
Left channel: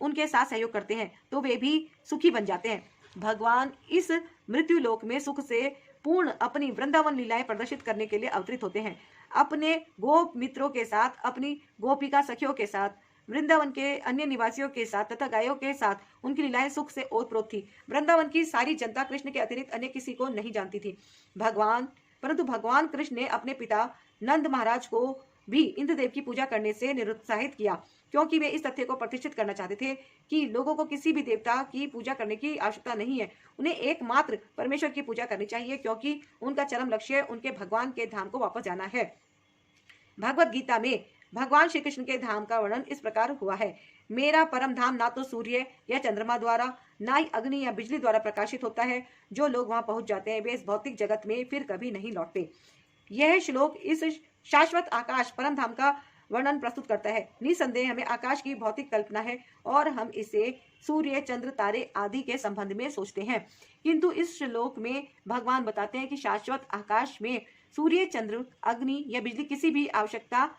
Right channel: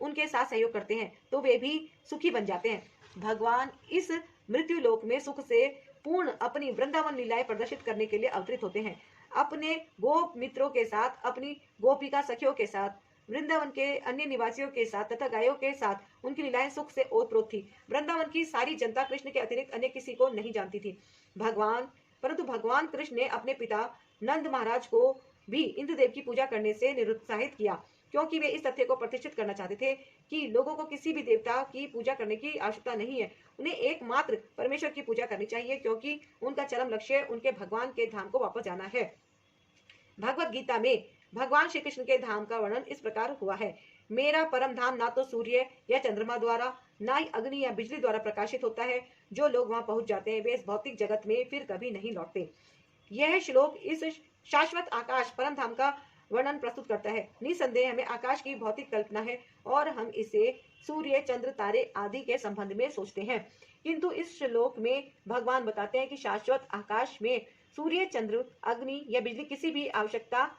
उनके साथ सहयोग करते हैं तो वे भी सुखी बन जाते हैं। भगवान इस मृत्यु लोक में सुख से पूर्ण अपनी वृंदावन लीलाएं प्रदर्शित करने के लिए अवतरित होते हैं। अपने गोप मित्रों के साथ, अपनी गोपिका सखियों के साथ, वृंदावन के अन्य निवासियों के साथ तथा गायों के साथ उनकी लीलाएं सुख से ओतप्रोत थी। वृंदावन की सारी जनता कृष्ण के अतिरिक्त अन्य किसी को नहीं जानती थी। परंतु भगवान कृष्ण ने अपने पिता नंद महाराज को भी इंद्रदेव की पूजा करने से निरुत्साहित किया, क्योंकि वे इस तथ्य को प्रतिष्ठित करना चाहते थे कि लोगों को किसी भी देवता की पूजा करने की आवश्यकता नहीं है। उन्हें एकमात्र परमेश्वर की पूजा करनी चाहिए, क्योंकि उनका चरम लक्ष्य उनके भगवान के धाम को वापस जाना है। भगवत गीता में भगवान श्री कृष्ण के धाम का वर्णन इस प्रकार हुआ है। मेरा परम धाम ना तो सूर्य या चंद्रमा द्वारा, ना ही अग्नि या बिजली द्वारा प्रकाशित होता है। जो लोग वहां पहुंच जाते हैं वे इस भौतिक जगत में फिर कभी नहीं लौटते। यह श्लोक इस शाश्वत आकाश परम धाम का वर्णन प्रस्तुत करता है। निसंदेह हमें आकाश की भौतिक कल्पना है और हम इसे सूर्य, चंद्र, तारे आदि के संबंध में सोचते हैं, किंतु इस श्लोक में भगवान बताते हैं कि शाश्वत आकाश में सूर्य, चंद्र, अग्नि या बिजली किसी की भी आवश्यकता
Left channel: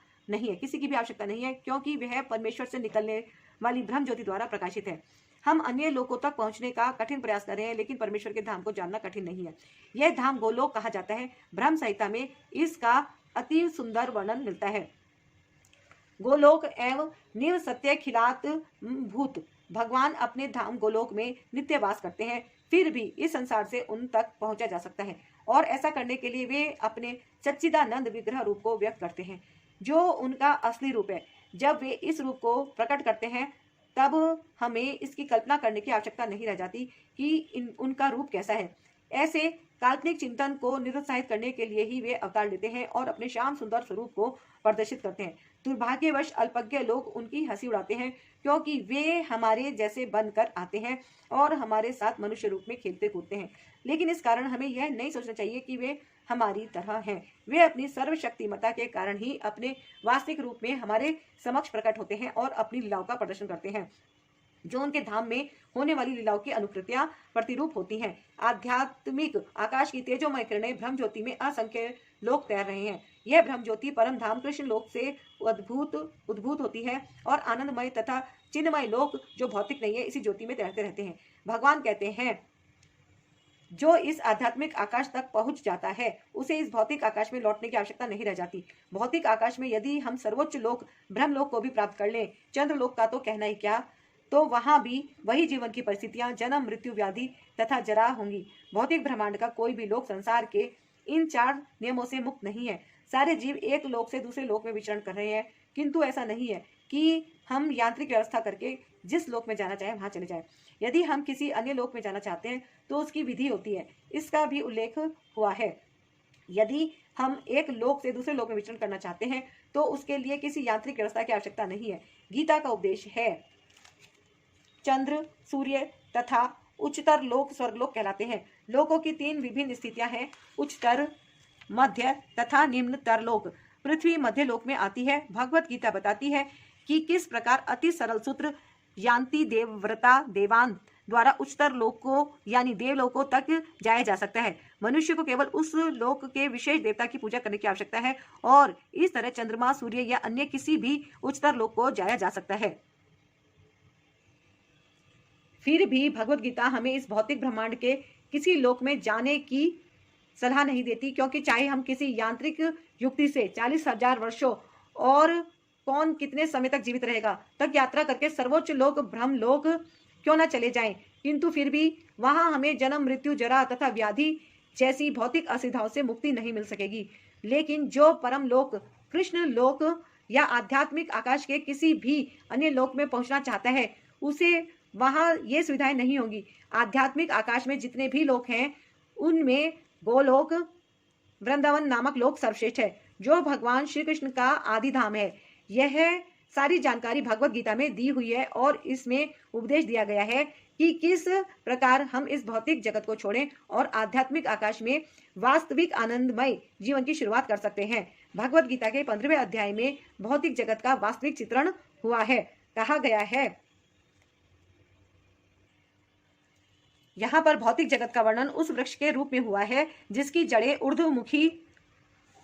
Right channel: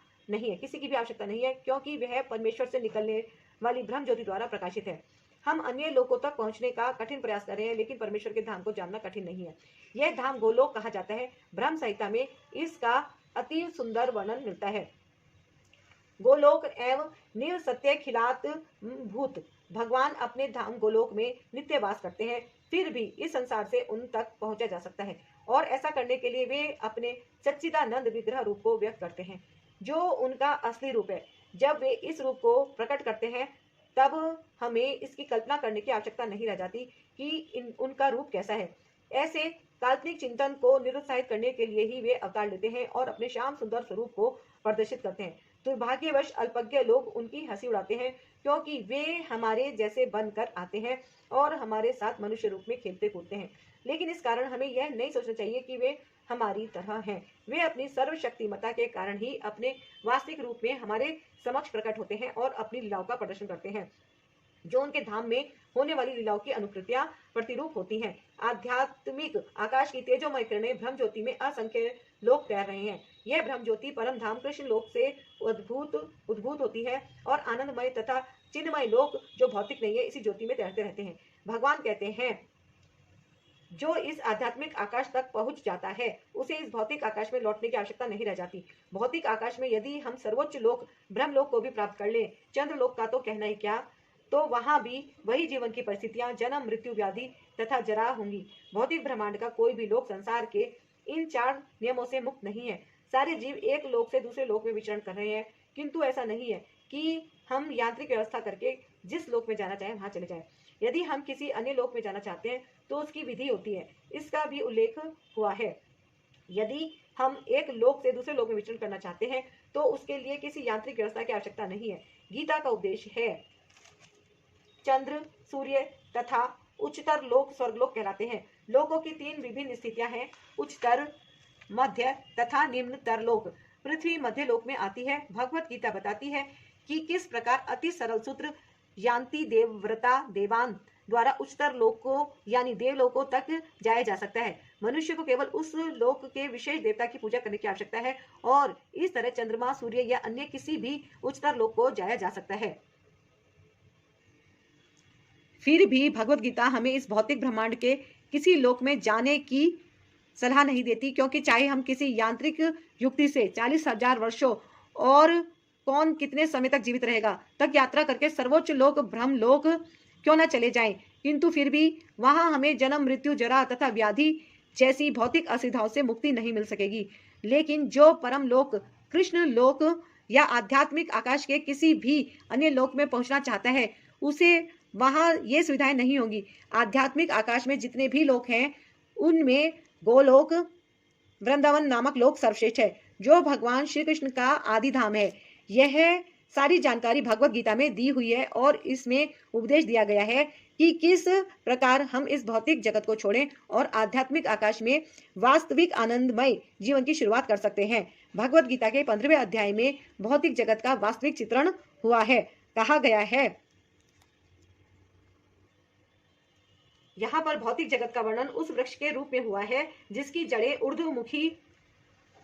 नहीं है, क्योंकि वह परमेश्वर से निकलने वाली ब्रह्म ज्योति द्वारा प्रकाशित है। हम अन्य लोगों तक पहुंचने का कठिन प्रयास कर रहे हैं, लेकिन परमेश्वर के धाम को जानना कठिन नहीं है। यह धाम गोलोक कहा जाता है। ब्रह्म संहिता में इसका अति सुंदर वर्णन मिलता है। गोलोक एवं नील सत्य खिलात भूत, भगवान अपने धाम गोलोक में नित्य वास करते हैं, फिर भी इस संसार से उन तक पहुंचा जा सकता है और ऐसा करने के लिए वे अपने सच्चिदानंद विग्रह रूप को व्यक्त करते हैं, जो उनका असली रूप है। जब वे इस रूप को प्रकट करते हैं तब हमें इसकी कल्पना करने की आवश्यकता नहीं रह जाती कि उनका रूप कैसा है। ऐसे काल्पनिक चिंतन को निरुत्साहित करने के लिए ही वे अवतार लेते हैं और अपने श्याम सुंदर स्वरूप को प्रदर्शित करते हैं। दुर्भाग्यवश अल्पज्ञ लोग उनकी हंसी उड़ाते हैं, क्योंकि वे हमारे जैसे बनकर आते हैं और हमारे साथ मनुष्य रूप में खेलते कूदते हैं। लेकिन इस कारण हमें यह नहीं सोचना चाहिए कि वे हमारी तरह हैं। वे अपनी सर्वशक्तिमता के कारण ही अपने वास्तविक रूप में हमारे समक्ष प्रकट होते हैं और अपनी लीलाओं का प्रदर्शन करते हैं, जो उनके धाम में होने वाली लीलाओं की अनुकृतियां प्रतिरूप होती हैं। आध्यात्मिक आकाश की तेजोमय किरणें ब्रह्म ज्योति में असंख्य लोग तैर रहे हैं। यह ब्रह्म ज्योति परम धाम कृष्ण लोक से उद्भूत होती है और आनंदमय तथा चिन्हमय लोक जो भौतिक नहीं है इसी ज्योति में तैरते रहते हैं। भगवान कहते हैं, जो इस आध्यात्मिक आकाश तक पहुंच जाता है उसे इस भौतिक आकाश में लौटने की आवश्यकता नहीं रह जाती। भौतिक आकाश में यदि हम सर्वोच्च लोक ब्रह्म लोक को भी प्राप्त कर लें, चंद्र लोक का तो कहना ही क्या, तो वहां भी वही जीवन की परिस्थितियां, जन्म, मृत्यु, व्याधि तथा जरा होंगी। भौतिक ब्रह्मांड का कोई भी लोक संसार के इन 4 नियमों से मुक्त नहीं है। सारे जीव एक लोक से दूसरे लोक में विचरण कर रहे हैं, किंतु ऐसा नहीं है कि हम यांत्रिक व्यवस्था करके जिस लोक में जाना चाहे वहां चले जाएं। यदि हम किसी अन्य लोक में जाना चाहते हैं तो उसकी विधि होती है, इसका भी उल्लेख हुआ है। यदि हम एक लोक से दूसरे लोक में विचरण करना चाहते हैं तो उसके लिए किसी यांत्रिक व्यवस्था की आवश्यकता नहीं है। गीता का उपदेश है चंद्र, सूर्य तथा उच्चतर लोक स्वर्गलोक कहलाते हैं। लोकों की 3 विभिन्न स्थितियां हैं, उच्चतर, मध्य तथा निम्नतर लोक। पृथ्वी मध्य लोक में आती है। भगवत गीता बताती है कि किस प्रकार अति सरल सूत्र यान्ति देवव्रता देवान द्वारा उच्चतर लोक को यानी देवलोकों तक जाया जा सकता है। मनुष्य को केवल उस लोक के विशेष देवता की पूजा करने की आवश्यकता है और इस तरह चंद्रमा, सूर्य या अन्य किसी भी उच्चतर लोक को जाया जा सकता है। फिर भी भगवत गीता हमें इस भौतिक ब्रह्मांड के किसी लोक में जाने की सलाह नहीं देती, क्योंकि चाहे हम किसी यांत्रिक युक्ति से 40,000 वर्षों और कौन कितने समय तक जीवित रहेगा तक यात्रा करके सर्वोच्च लोक ब्रह्म लोक क्यों न चले जाएं, किंतु फिर भी वहां हमें जन्म, मृत्यु, जरा तथा व्याधि जैसी भौतिक असुविधाओं से मुक्ति नहीं मिल सकेगी। लेकिन जो परम लोक, कृष्ण लोक या आध्यात्मिक आकाश के किसी भी अन्य लोक में पहुंचना चाहता है उसे वहां ये सुविधाएं नहीं होंगी। आध्यात्मिक आकाश में जितने भी लोक हैं उनमें गोलोक, वृंदावन नामक लोक सर्वश्रेष्ठ है, जो भगवान श्री कृष्ण का आदि धाम है। यह सारी जानकारी भगवत गीता में दी हुई है और इसमें उपदेश दिया गया है कि किस प्रकार हम इस भौतिक जगत को छोड़ें और आध्यात्मिक आकाश में वास्तविक आनंदमय जीवन की शुरुआत कर सकते हैं। भगवत गीता के 15वें अध्याय में भौतिक जगत का वास्तविक चित्रण हुआ है। कहा गया है, यहाँ पर भौतिक जगत का वर्णन उस वृक्ष के रूप में हुआ है जिसकी जड़ें ऊर्ध्वमुखी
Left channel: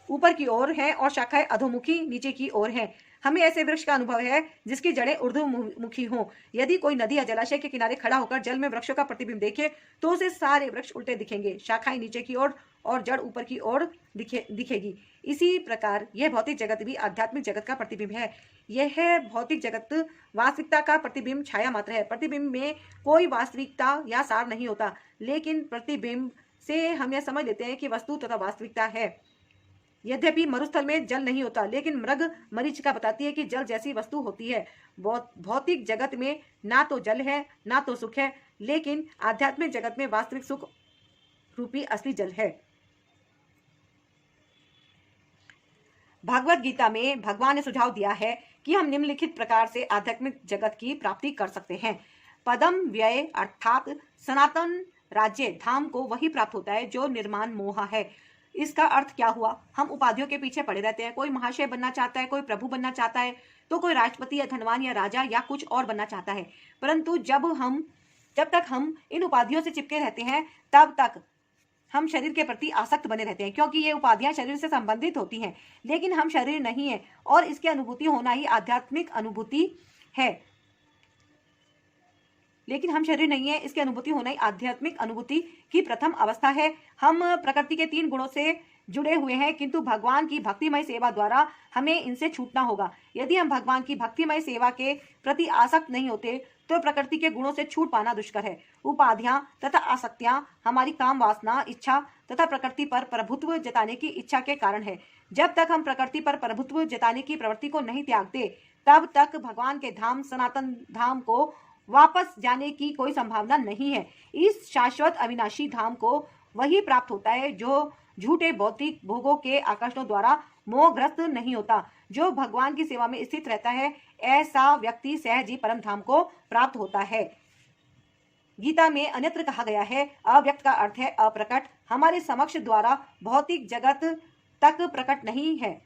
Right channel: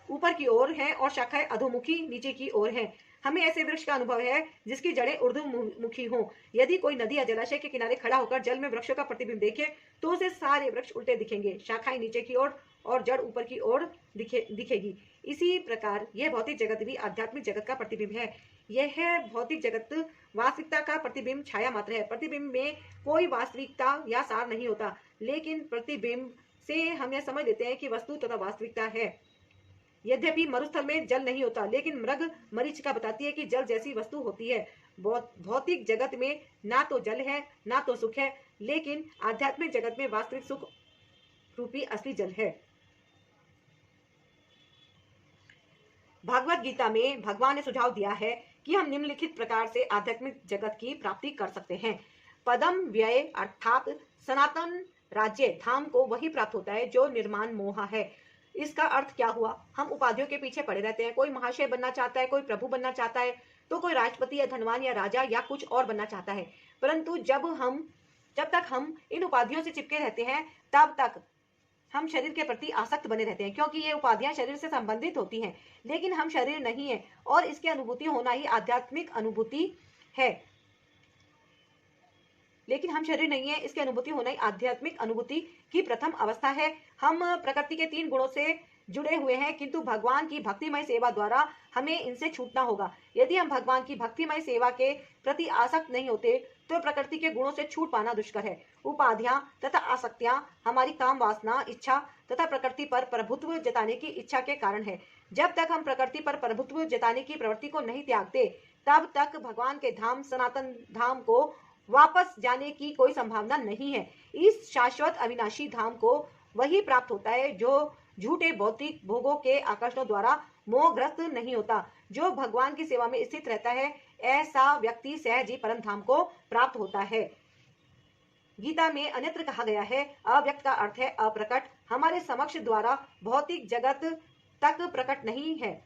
ऊपर की ओर है और शाखाएं अधोमुखी नीचे की ओर है। हमें ऐसे वृक्ष का अनुभव है जिसकी जड़ें ऊर्ध्वमुखी हों। यदि कोई नदी या जलाशय के किनारे खड़ा होकर जल में वृक्षों का प्रतिबिंब देखे तो उसे सारे वृक्ष उल्टे दिखेंगे, शाखाएं नीचे की ओर और जड़ ऊपर की ओर दिखेगी। इसी प्रकार यह भौतिक जगत भी आध्यात्मिक जगत का प्रतिबिंब है। यह भौतिक जगत वास्तविकता का प्रतिबिंब छाया मात्र है। प्रतिबिंब में कोई वास्तविकता या सार नहीं होता, लेकिन प्रतिबिंब से हम यह समझ लेते हैं कि वस्तु तथा वास्तविकता है। यद्यपि मरुस्थल में जल नहीं होता, लेकिन मृग मरीचिका बताती है कि जल जैसी वस्तु होती है। भौतिक जगत में ना तो जल है ना तो सुख है, लेकिन आध्यात्मिक जगत में वास्तविक सुख रूपी असली जल है। भगवत गीता में भगवान ने सुझाव दिया है कि हम निम्नलिखित प्रकार से आध्यात्मिक जगत की प्राप्ति कर सकते हैं। पदम व्यय अर्थात सनातन राज्य धाम को वही प्राप्त होता है जो निर्माण मोह है। इसका अर्थ क्या हुआ? हम उपाधियों के पीछे पड़े रहते हैं। कोई महाशय बनना चाहता है, कोई प्रभु बनना चाहता है, तो कोई राष्ट्रपति या धनवान या राजा या कुछ और बनना चाहता है। परंतु जब तक हम इन उपाधियों से चिपके रहते हैं तब तक हम शरीर के प्रति आसक्त बने रहते हैं, क्योंकि ये उपाधियां शरीर से संबंधित होती हैं। लेकिन हम शरीर नहीं है और इसकी अनुभूति होना ही आध्यात्मिक अनुभूति है। लेकिन हम शरीर नहीं है, इसकी अनुभूति होना ही आध्यात्मिक अनुभूति की प्रथम अवस्था है। हम प्रकृति के 3 गुणों से जुड़े हुए हैं, किंतु भगवान की भक्तिमय सेवा द्वारा हमें इनसे छूटना होगा। यदि हम भगवान की भक्तिमय सेवा के प्रति आसक्त नहीं होते तो प्रकृति के गुणों से छूट पाना दुष्कर है। उपाधियां तथा आसक्तियां हमारी काम वासना, इच्छा तथा प्रकृति पर प्रभुत्व जताने की इच्छा के कारण है। जब तक हम प्रकृति पर प्रभुत्व जताने की प्रवृत्ति को नहीं त्यागते तब तक भगवान के धाम सनातन धाम को वापस जाने की कोई संभावना नहीं है। इस शाश्वत अविनाशी धाम को वही प्राप्त होता है जो झूठे भौतिक भोगों के आकर्षणों द्वारा मोहग्रस्त नहीं होता। जो भगवान की सेवा में स्थित रहता है ऐसा व्यक्ति सहज ही परम धाम को प्राप्त होता है। गीता में अन्यत्र कहा गया है, अव्यक्त का अर्थ है अप्रकट, हमारे समक्ष द्वारा भौतिक जगत तक प्रकट नहीं है।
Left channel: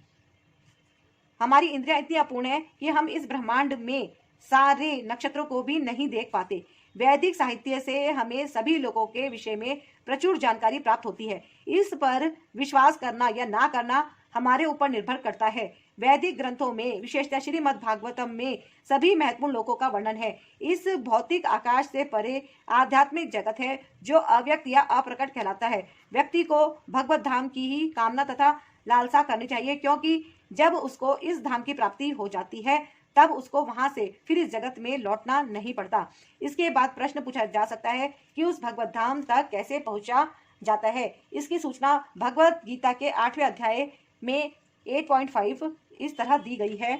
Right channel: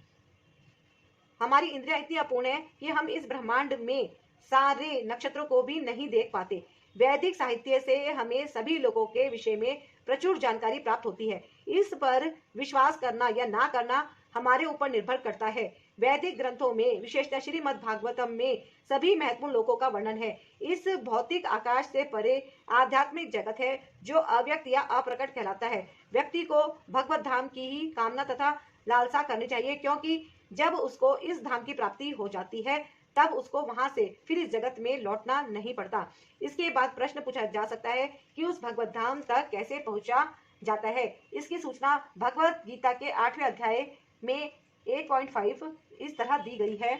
हमारी इंद्रियां इतनी अपूर्ण है कि हम इस ब्रह्मांड में सारे नक्षत्रों को भी नहीं देख पाते। वैदिक साहित्य से हमें सभी लोगों के विषय में प्रचुर जानकारी प्राप्त होती है। इस पर विश्वास करना या ना करना हमारे ऊपर निर्भर करता है। वैदिक ग्रंथों में विशेषतः श्रीमद् भागवतम में सभी महत्वपूर्ण लोकों का वर्णन है। इस भौतिक आकाश से परे आध्यात्मिक जगत है जो अव्यक्त या अप्रकट कहलाता है। व्यक्ति को भगवत धाम की ही कामना तथा लालसा करनी चाहिए, क्योंकि जब उसको इस धाम की प्राप्ति हो जाती है तब उसको वहां से फिर इस जगत में लौटना नहीं पड़ता। इसके बाद प्रश्न पूछा जा सकता है कि उस भगवत धाम तक कैसे पहुंचा जाता है। इसकी सूचना भगवत गीता के 8वें अध्याय में 8.5 इस तरह दी गई है।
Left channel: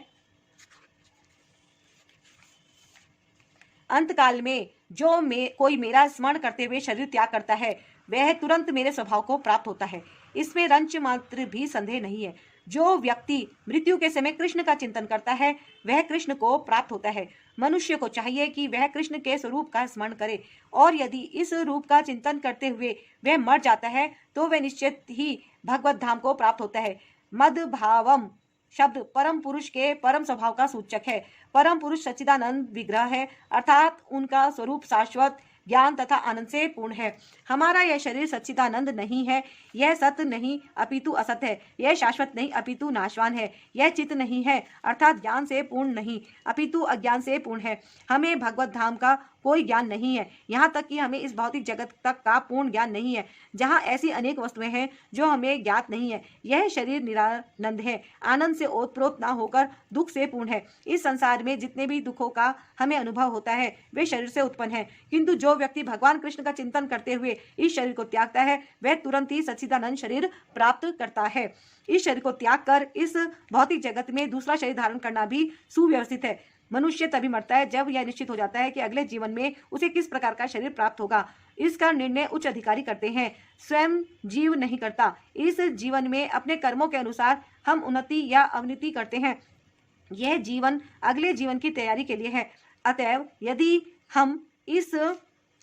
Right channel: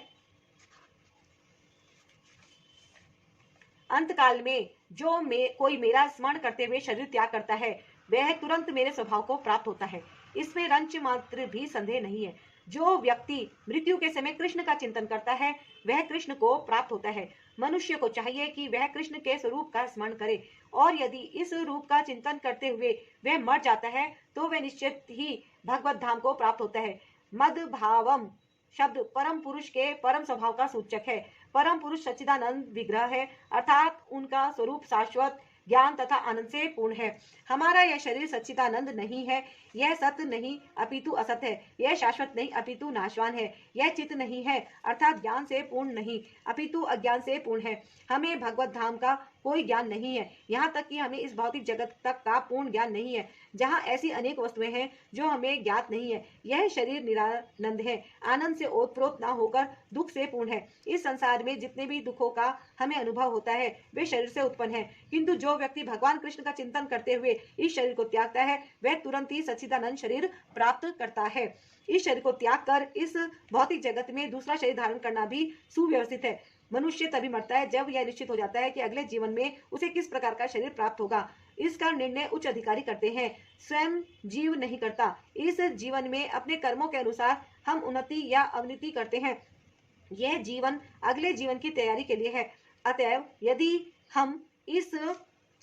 अंत काल में जो कोई मेरा स्मरण करते हुए शरीर त्याग करता है वह तुरंत मेरे स्वभाव को प्राप्त होता है, इसमें रंच मात्र भी संदेह नहीं है। जो व्यक्ति मृत्यु के समय कृष्ण का चिंतन करता है वह कृष्ण को प्राप्त होता है। मनुष्य को चाहिए कि वह कृष्ण के स्वरूप का स्मरण करे, और यदि इस रूप का चिंतन करते हुए वह मर जाता है तो वह निश्चित ही भगवत धाम को प्राप्त होता है। मद भावम शब्द परम पुरुष के परम स्वभाव का सूचक है। परम पुरुष सच्चिदानंद विग्रह है, अर्थात उनका स्वरूप शाश्वत ज्ञान तथा आनंद से पूर्ण है। हमारा यह शरीर सच्चिदानंद नहीं है, यह सत्य नहीं अपितु असत है, यह शाश्वत नहीं अपितु नाशवान है, यह चित्त नहीं है अर्थात ज्ञान से पूर्ण नहीं अपितु अज्ञान से पूर्ण है। हमें भगवत धाम का कोई ज्ञान नहीं है, यहाँ तक कि हमें इस भौतिक जगत तक का पूर्ण ज्ञान नहीं है, जहाँ ऐसी अनेक वस्तुएं हैं जो हमें ज्ञात नहीं है। यह शरीर निरानंद है, आनंद से ओतप्रोत न होकर दुख से पूर्ण है। इस संसार में जितने भी दुखों का हमें अनुभव होता है वे शरीर से उत्पन्न है, किंतु जो व्यक्ति भगवान कृष्ण का चिंतन करते हुए इस शरीर को त्यागता है वह तुरंत ही सच्चिदानंद शरीर प्राप्त करता है। इस शरीर को त्याग कर इस भौतिक जगत में दूसरा शरीर धारण करना भी सुव्यवस्थित है। मनुष्य तभी मरता है जब यह निश्चित हो जाता है कि अगले जीवन में उसे किस प्रकार का शरीर प्राप्त होगा। इसका निर्णय उच्च अधिकारी करते हैं, स्वयं जीव नहीं करता। इस जीवन में अपने कर्मों के अनुसार हम उन्नति या अवनति करते हैं। यह जीवन अगले जीवन की तैयारी के लिए है। अतएव यदि हम इस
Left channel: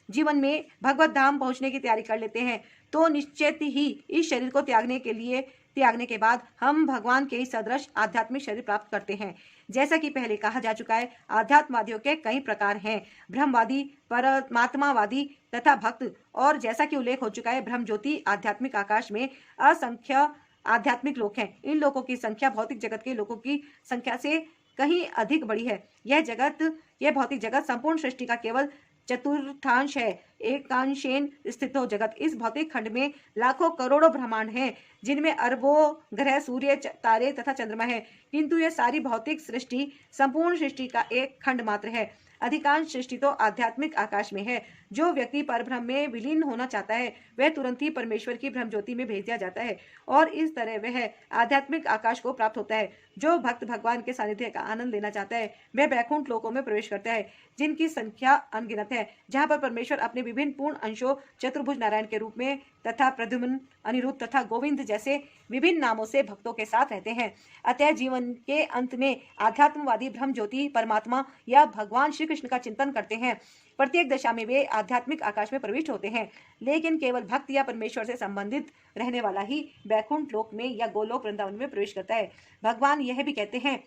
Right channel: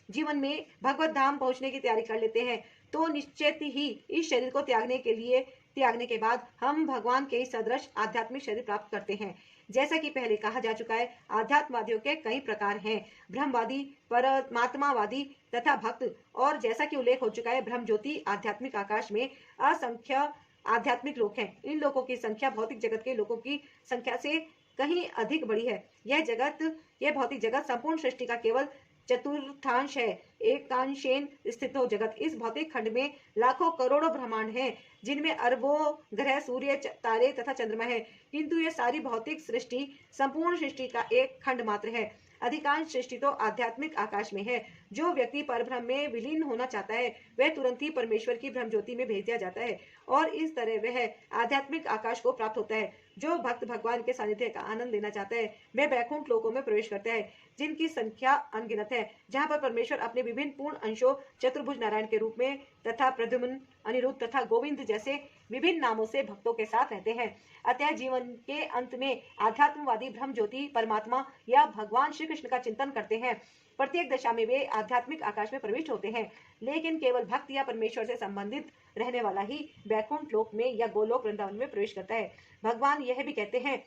जीवन में भगवत धाम पहुंचने की तैयारी कर लेते हैं तो निश्चित ही इस शरीर को त्यागने के बाद हम भगवान के सदृश आध्यात्मिक शरीर प्राप्त करते हैं। जैसा कि पहले कहा जा चुका है, आध्यात्मवादियों के कई प्रकार हैं, ब्रह्मवादी, परमात्मावादी तथा भक्त। और जैसा कि उल्लेख हो चुका है, ब्रह्म ज्योति आध्यात्मिक आकाश में असंख्य आध्यात्मिक लोक हैं। इन लोगों की संख्या भौतिक जगत के लोगों की संख्या से कहीं अधिक बड़ी है। यह भौतिक जगत संपूर्ण सृष्टि का केवल चतुर्थांश है। एकांशेन स्थित हो जगत। इस भौतिक खंड में लाखों करोड़ों ब्रह्मांड हैं, जिनमें अरबों ग्रह, सूर्य, तारे तथा चंद्रमा है, किंतु यह सारी भौतिक सृष्टि संपूर्ण सृष्टि का एक खंड मात्र है। अधिकांश सृष्टि तो आध्यात्मिक आकाश में है। जो व्यक्ति परब्रह्म में विलीन होना चाहता है वह तुरंत ही परमेश्वर की ब्रह्म ज्योति में भेज दिया जाता है और इस तरह वह आध्यात्मिक आकाश को प्राप्त होता है। जो भक्त भगवान के सानिध्य का आनंद लेना चाहता है वह वैकुंठ लोकों में प्रवेश करता है, जिनकी संख्या अनगिनत है, जहाँ पर परमेश्वर अपने विभिन्न पूर्ण अंशों चतुर्भुज नारायण के रूप में तथा प्रद्युम्न, अनिरुद्ध तथा गोविंद जैसे विभिन्न नामों से भक्तों के साथ रहते हैं। अतः जीवन के अंत में आध्यात्मवादी ब्रह्म ज्योति, परमात्मा या भगवान श्री कृष्ण का चिंतन करते हैं। प्रत्येक दशा में वे आध्यात्मिक आकाश में प्रविष्ट होते हैं, लेकिन केवल भक्त या परमेश्वर से संबंधित रहने वाला ही वैकुंठ लोक में या गोलोक वृंदावन में प्रवेश करता है। भगवान यह भी कहते हैं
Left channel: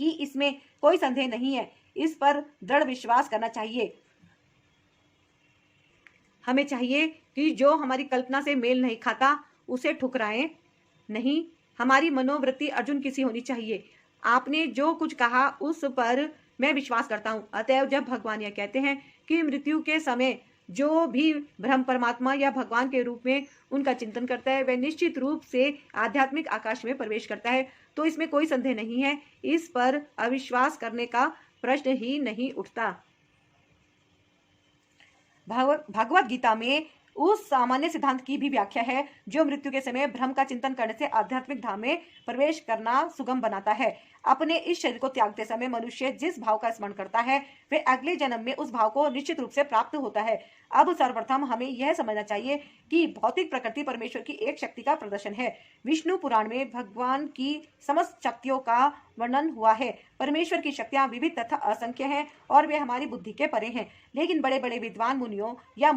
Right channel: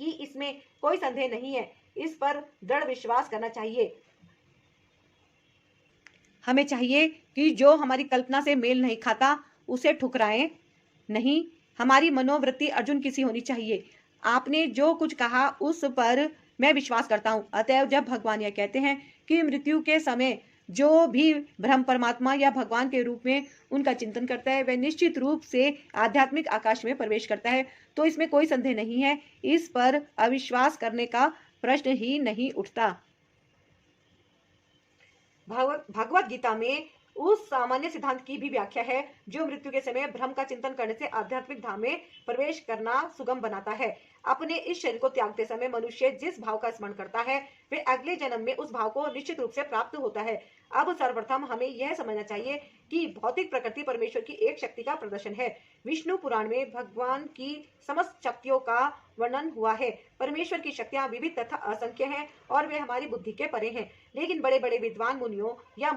कि इसमें कोई संदेह नहीं है, इस पर दृढ़ विश्वास करना चाहिए। हमें चाहिए कि जो हमारी कल्पना से मेल नहीं खाता उसे ठुकराएं नहीं। हमारी मनोवृत्ति अर्जुन की सी होनी चाहिए। आपने जो कुछ कहा उस पर मैं विश्वास करता हूँ। अतएव जब भगवान यह कहते हैं कि मृत्यु के समय जो भी ब्रह्म, परमात्मा या भगवान के रूप में उनका चिंतन करता है वह निश्चित रूप से आध्यात्मिक आकाश में प्रवेश करता है, तो इसमें कोई संदेह नहीं है। इस पर अविश्वास करने का प्रश्न ही नहीं उठता। भगवत गीता में उस सामान्य सिद्धांत की भी व्याख्या है जो मृत्यु के समय ब्रह्म का चिंतन करने से आध्यात्मिक धाम में प्रवेश करना सुगम बनाता है। अपने इस शरीर को त्यागते समय मनुष्य जिस भाव का स्मरण करता है वह अगले जन्म में उस भाव को निश्चित रूप से प्राप्त होता है। अब सर्वप्रथम हमें यह समझना चाहिए कि भौतिक प्रकृति परमेश्वर की एक शक्ति का प्रदर्शन है। विष्णु पुराण में भगवान की समस्त शक्तियों का वर्णन हुआ है। परमेश्वर की शक्तियां विविध तथा असंख्य हैं और वे हमारी बुद्धि के परे हैं, लेकिन बड़े बड़े विद्वान मुनियों या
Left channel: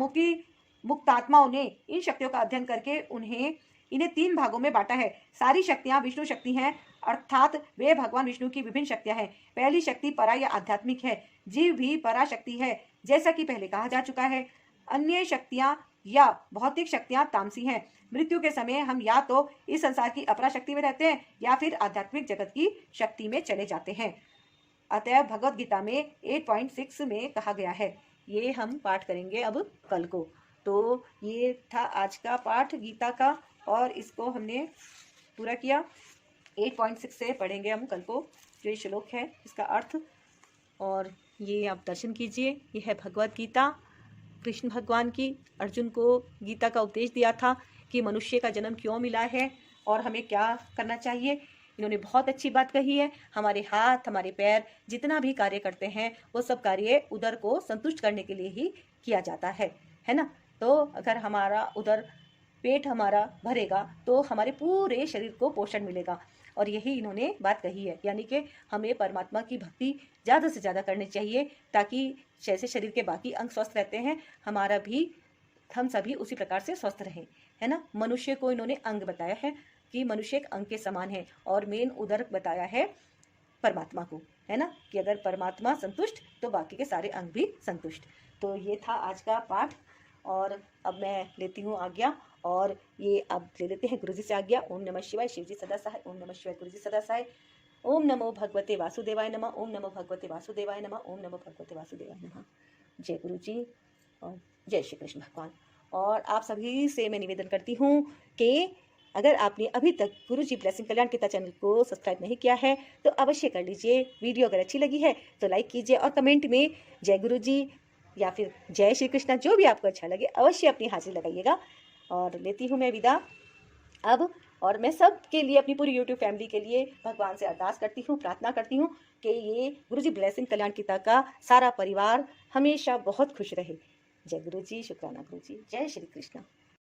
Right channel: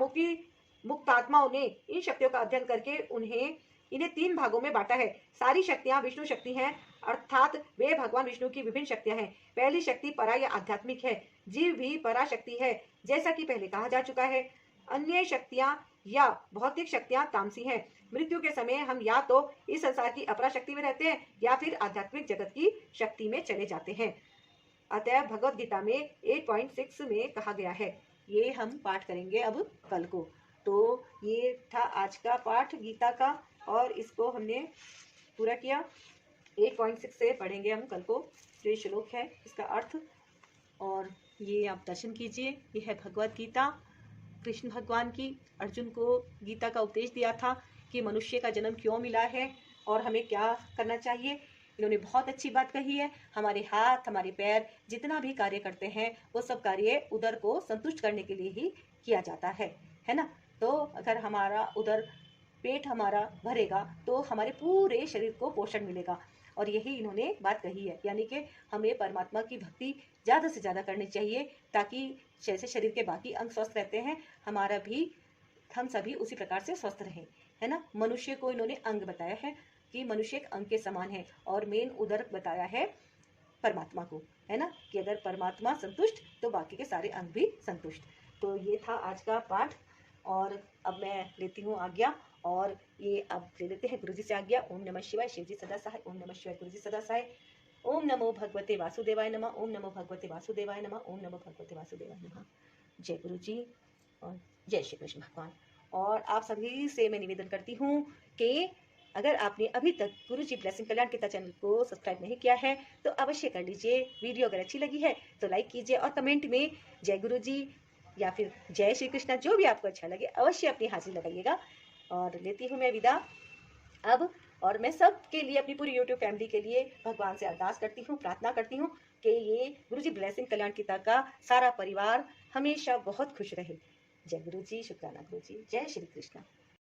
मुक्तात्माओं ने इन शक्तियों का अध्ययन करके इन्हें 3 भागों में बांटा है। सारी शक्तियां विष्णु शक्ति हैं, अर्थात वे भगवान विष्णु की विभिन्न शक्तियां हैं। पहली शक्ति परा या आध्यात्मिक है। जीव भी परा शक्ति है, जैसा कि पहले कहा जा चुका है। अन्य शक्तियां या भौतिक शक्तियां तामसी हैं। मृत्यु के समय हम या तो इस संसार की अपरा शक्ति में रहते हैं या फिर आध्यात्मिक जगत की शक्ति में चले जाते हैं। अतः भगवत गीता में 8.6 में कहा गया है। ये हम पाठ करेंगे अब कल को। तो ये था आज का पाठ गीता का और इसको हमने पूरा किया। 8.6 से पढ़ेंगे हम कल को जो ये श्लोक है इसका अर्थ, और ये आप दर्शन कीजिए। ये है भगवत गीता कृष्ण भगवान की। अर्जुन को गीता का उपदेश दिया था कि मनुष्य का जन्म क्यों मिला है और हमें क्या करना चाहिए। इन्होंने बहुत अच्छी बात कही है। हमारे हाथ, हमारे पैर जितना भी कार्य करते हैं वो सब कार्य उदर को संतुष्ट करने के लिए ही किया जाता है ना। तो अगर हमारा उदर, पेट हमारा भरेगा तो हमारे पूरे शरीर को पोषण मिलेगा। और यही इन्होंने बात कही है, यानी कि हमें परमात्मा की भक्ति ज़्यादा से ज़्यादा करनी चाहिए, ताकि जैसे शरीर के बाकी अंग स्वस्थ रहते हैं, हमारा भी, हम सभी उसी प्रकार से स्वस्थ रहें, है ना। मनुष्य को इन्होंने अंग बताया है कि मनुष्य एक अंग के समान है, और मेन उदर बताया है परमात्मा को, है ना, कि अगर परमात्मा संतुष्ट तो बाकी के सारे अंग भी संतुष्ट। तो ये था आज का पाठ, और अब मैं लेती हूँ आज्ञा, और ये अब ले लेते हैं गुरु जी से आज्ञा। ओम नमः शिवाय, शिव जी सदा सहाय। ओम नमः शिवाय, गुरु जी सदा सहाय। ओम नमो भगवते वासुदेवाय नमः। ओम नमो भगवते वासुदेवाय नमः। ओम नमो भगवते वासुदेवाय नमः। जय गुरु जी और जय श्री कृष्ण भगवान। और आप सभी से मैं निवेदन करती हूँ कि अगर आपने अभी तक गुरु जी ब्लेसिंग कल्याण गीता चैनल को सब्सक्राइब नहीं किया है तो अवश्य कर लीजिए। वीडियो अगर अच्छी लगी है तो लाइक कीजिए, और कमेंट में जय गुरु जी या फिर जय श्री कृष्ण, जो भी आपको अच्छा लगे अवश्य अपनी हाजिरी लगाइएगा। और लेती हूँ मैं विदा अब। और मैं सब के लिए, अपनी पूरी यूट्यूब फैमिली के लिए भगवान से अरदास करती हूँ, प्रार्थना करती हूँ कि ये गुरु जी ब्लेसिंग कल्याण गीता का सारा परिवार हमेशा बहुत खुश रहे। जय गुरु जी, शुक्राना गुरु जी, जय श्री कृष्ण।